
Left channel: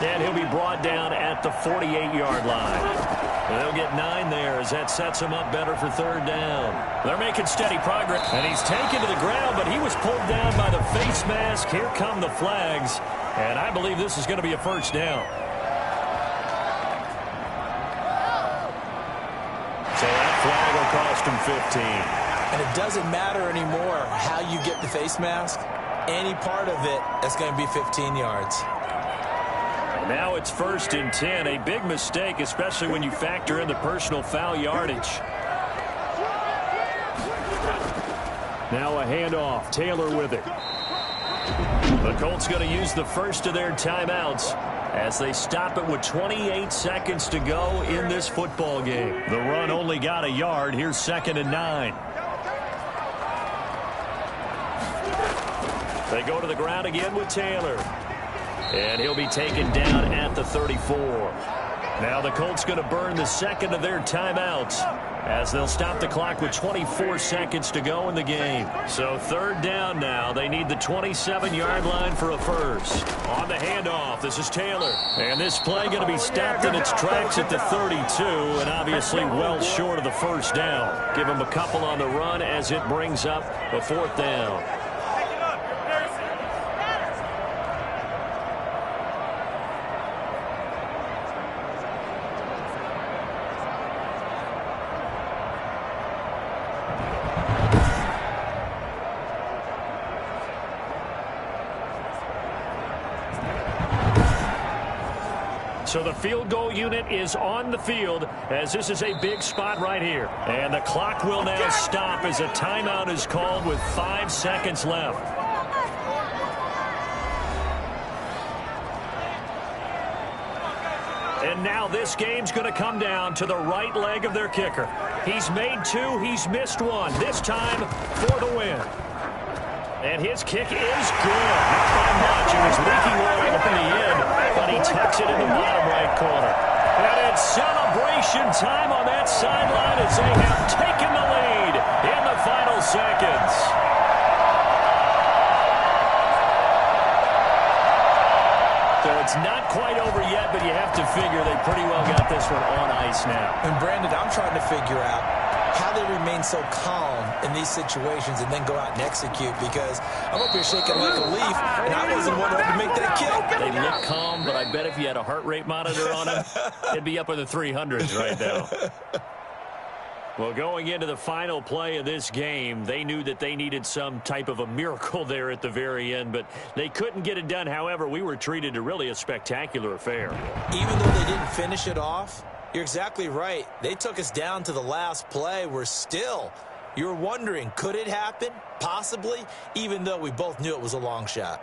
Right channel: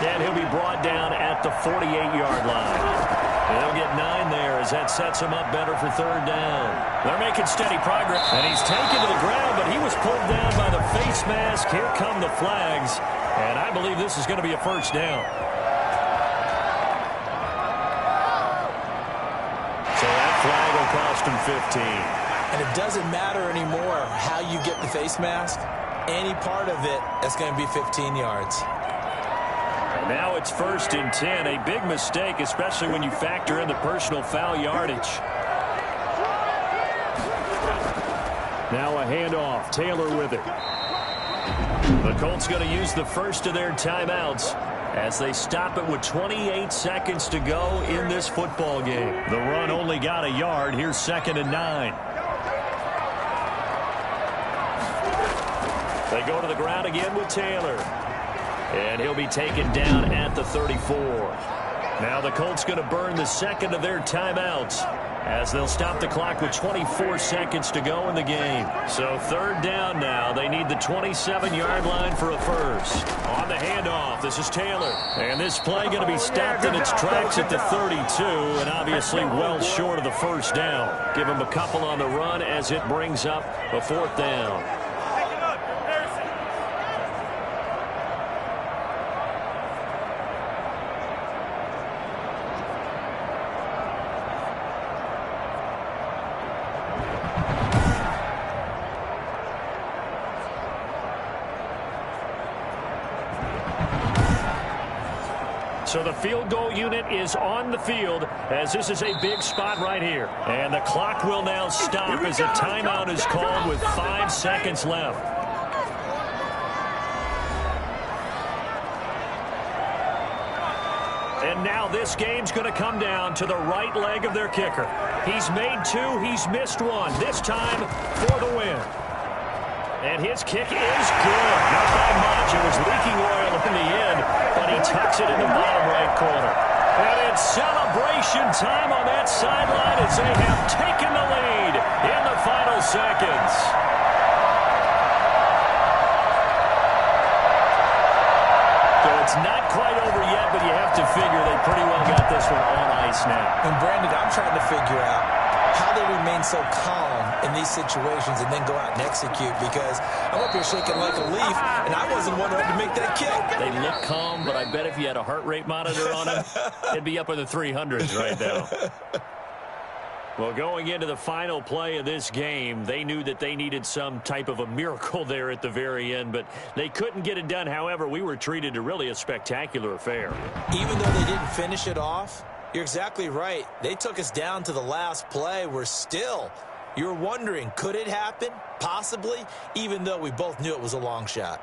And he'll be brought down at the 48-yard line. And they'll get 9 there as that sets him up better for third down. They're making steady progress. And he's taken to the ground, but he was pulled down by the face mask. Here come the flags. And I believe this is going to be a first down. So that flag will cost him 15. And it doesn't matter anymore how you get the face mask. Any part of it, that's going to be 15 yards. Now it's 1st and 10, a big mistake, especially when you factor in the personal foul yardage. Now a handoff, Taylor with it. The Colts going to use the first of their timeouts as they stop it with 28 seconds to go in this football game. The run only got a yard. Here's 2nd and 9. They go to the ground again with Taylor. And he'll be taken down at the 34. Now the Colts going to burn the second of their timeouts as they'll stop the clock with 24 seconds to go in the game. So third down now. They need the 27-yard line for a first. On the handoff, this is Taylor. And this play going to be stopped in its tracks at the 32, and obviously well short of the first down. Give him a couple on the run as it brings up a 4th down. So the field goal unit is on the field as this is a big spot right here. And the clock will now stop as a timeout is called with 5 seconds left. And now this game's going to come down to the right leg of their kicker. He's made 2, he's missed 1. This time for the win. And his kick is good. Not by much. It was leaking oil in the end, but he tucks it in the bottom right corner. And it's celebration time on that sideline as they have taken the lead in the final seconds. So it's not quite over yet, but you have to figure they pretty well got this one on ice now. And Brandon, I'm trying to figure out how they remain so calm in these situations and then go out and execute, because I'm up here shaking like a leaf, and I wasn't one to make that kick. They look calm, but I bet if you had a heart rate monitor on them, it'd be up in the 300s right now. Well, going into the final play of this game, they knew that they needed some type of a miracle there at the very end, but they couldn't get it done. However, we were treated to really a spectacular affair. Even though they didn't finish it off, you're exactly right. They took us down to the last play. We're still, you're wondering, could it happen? Possibly, even though we both knew it was a long shot.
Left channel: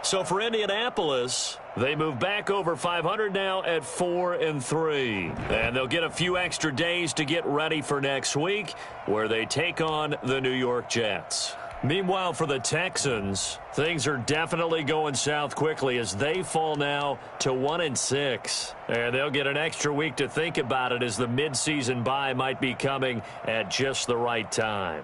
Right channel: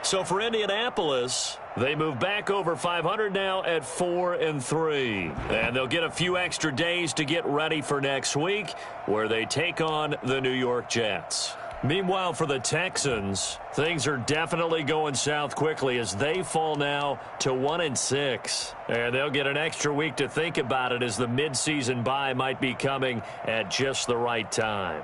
So for Indianapolis, they move back over 500 now at 4-3. And they'll get a few extra days to get ready for next week, where they take on the New York Jets. Meanwhile, for the Texans, things are definitely going south quickly as they fall now to 1-6. And they'll get an extra week to think about it as the midseason bye might be coming at just the right time.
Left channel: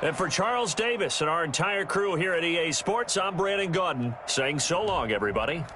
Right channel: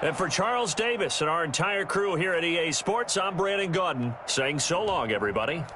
And for Charles Davis and our entire crew here at EA Sports, I'm Brandon Gaudin saying so long, everybody.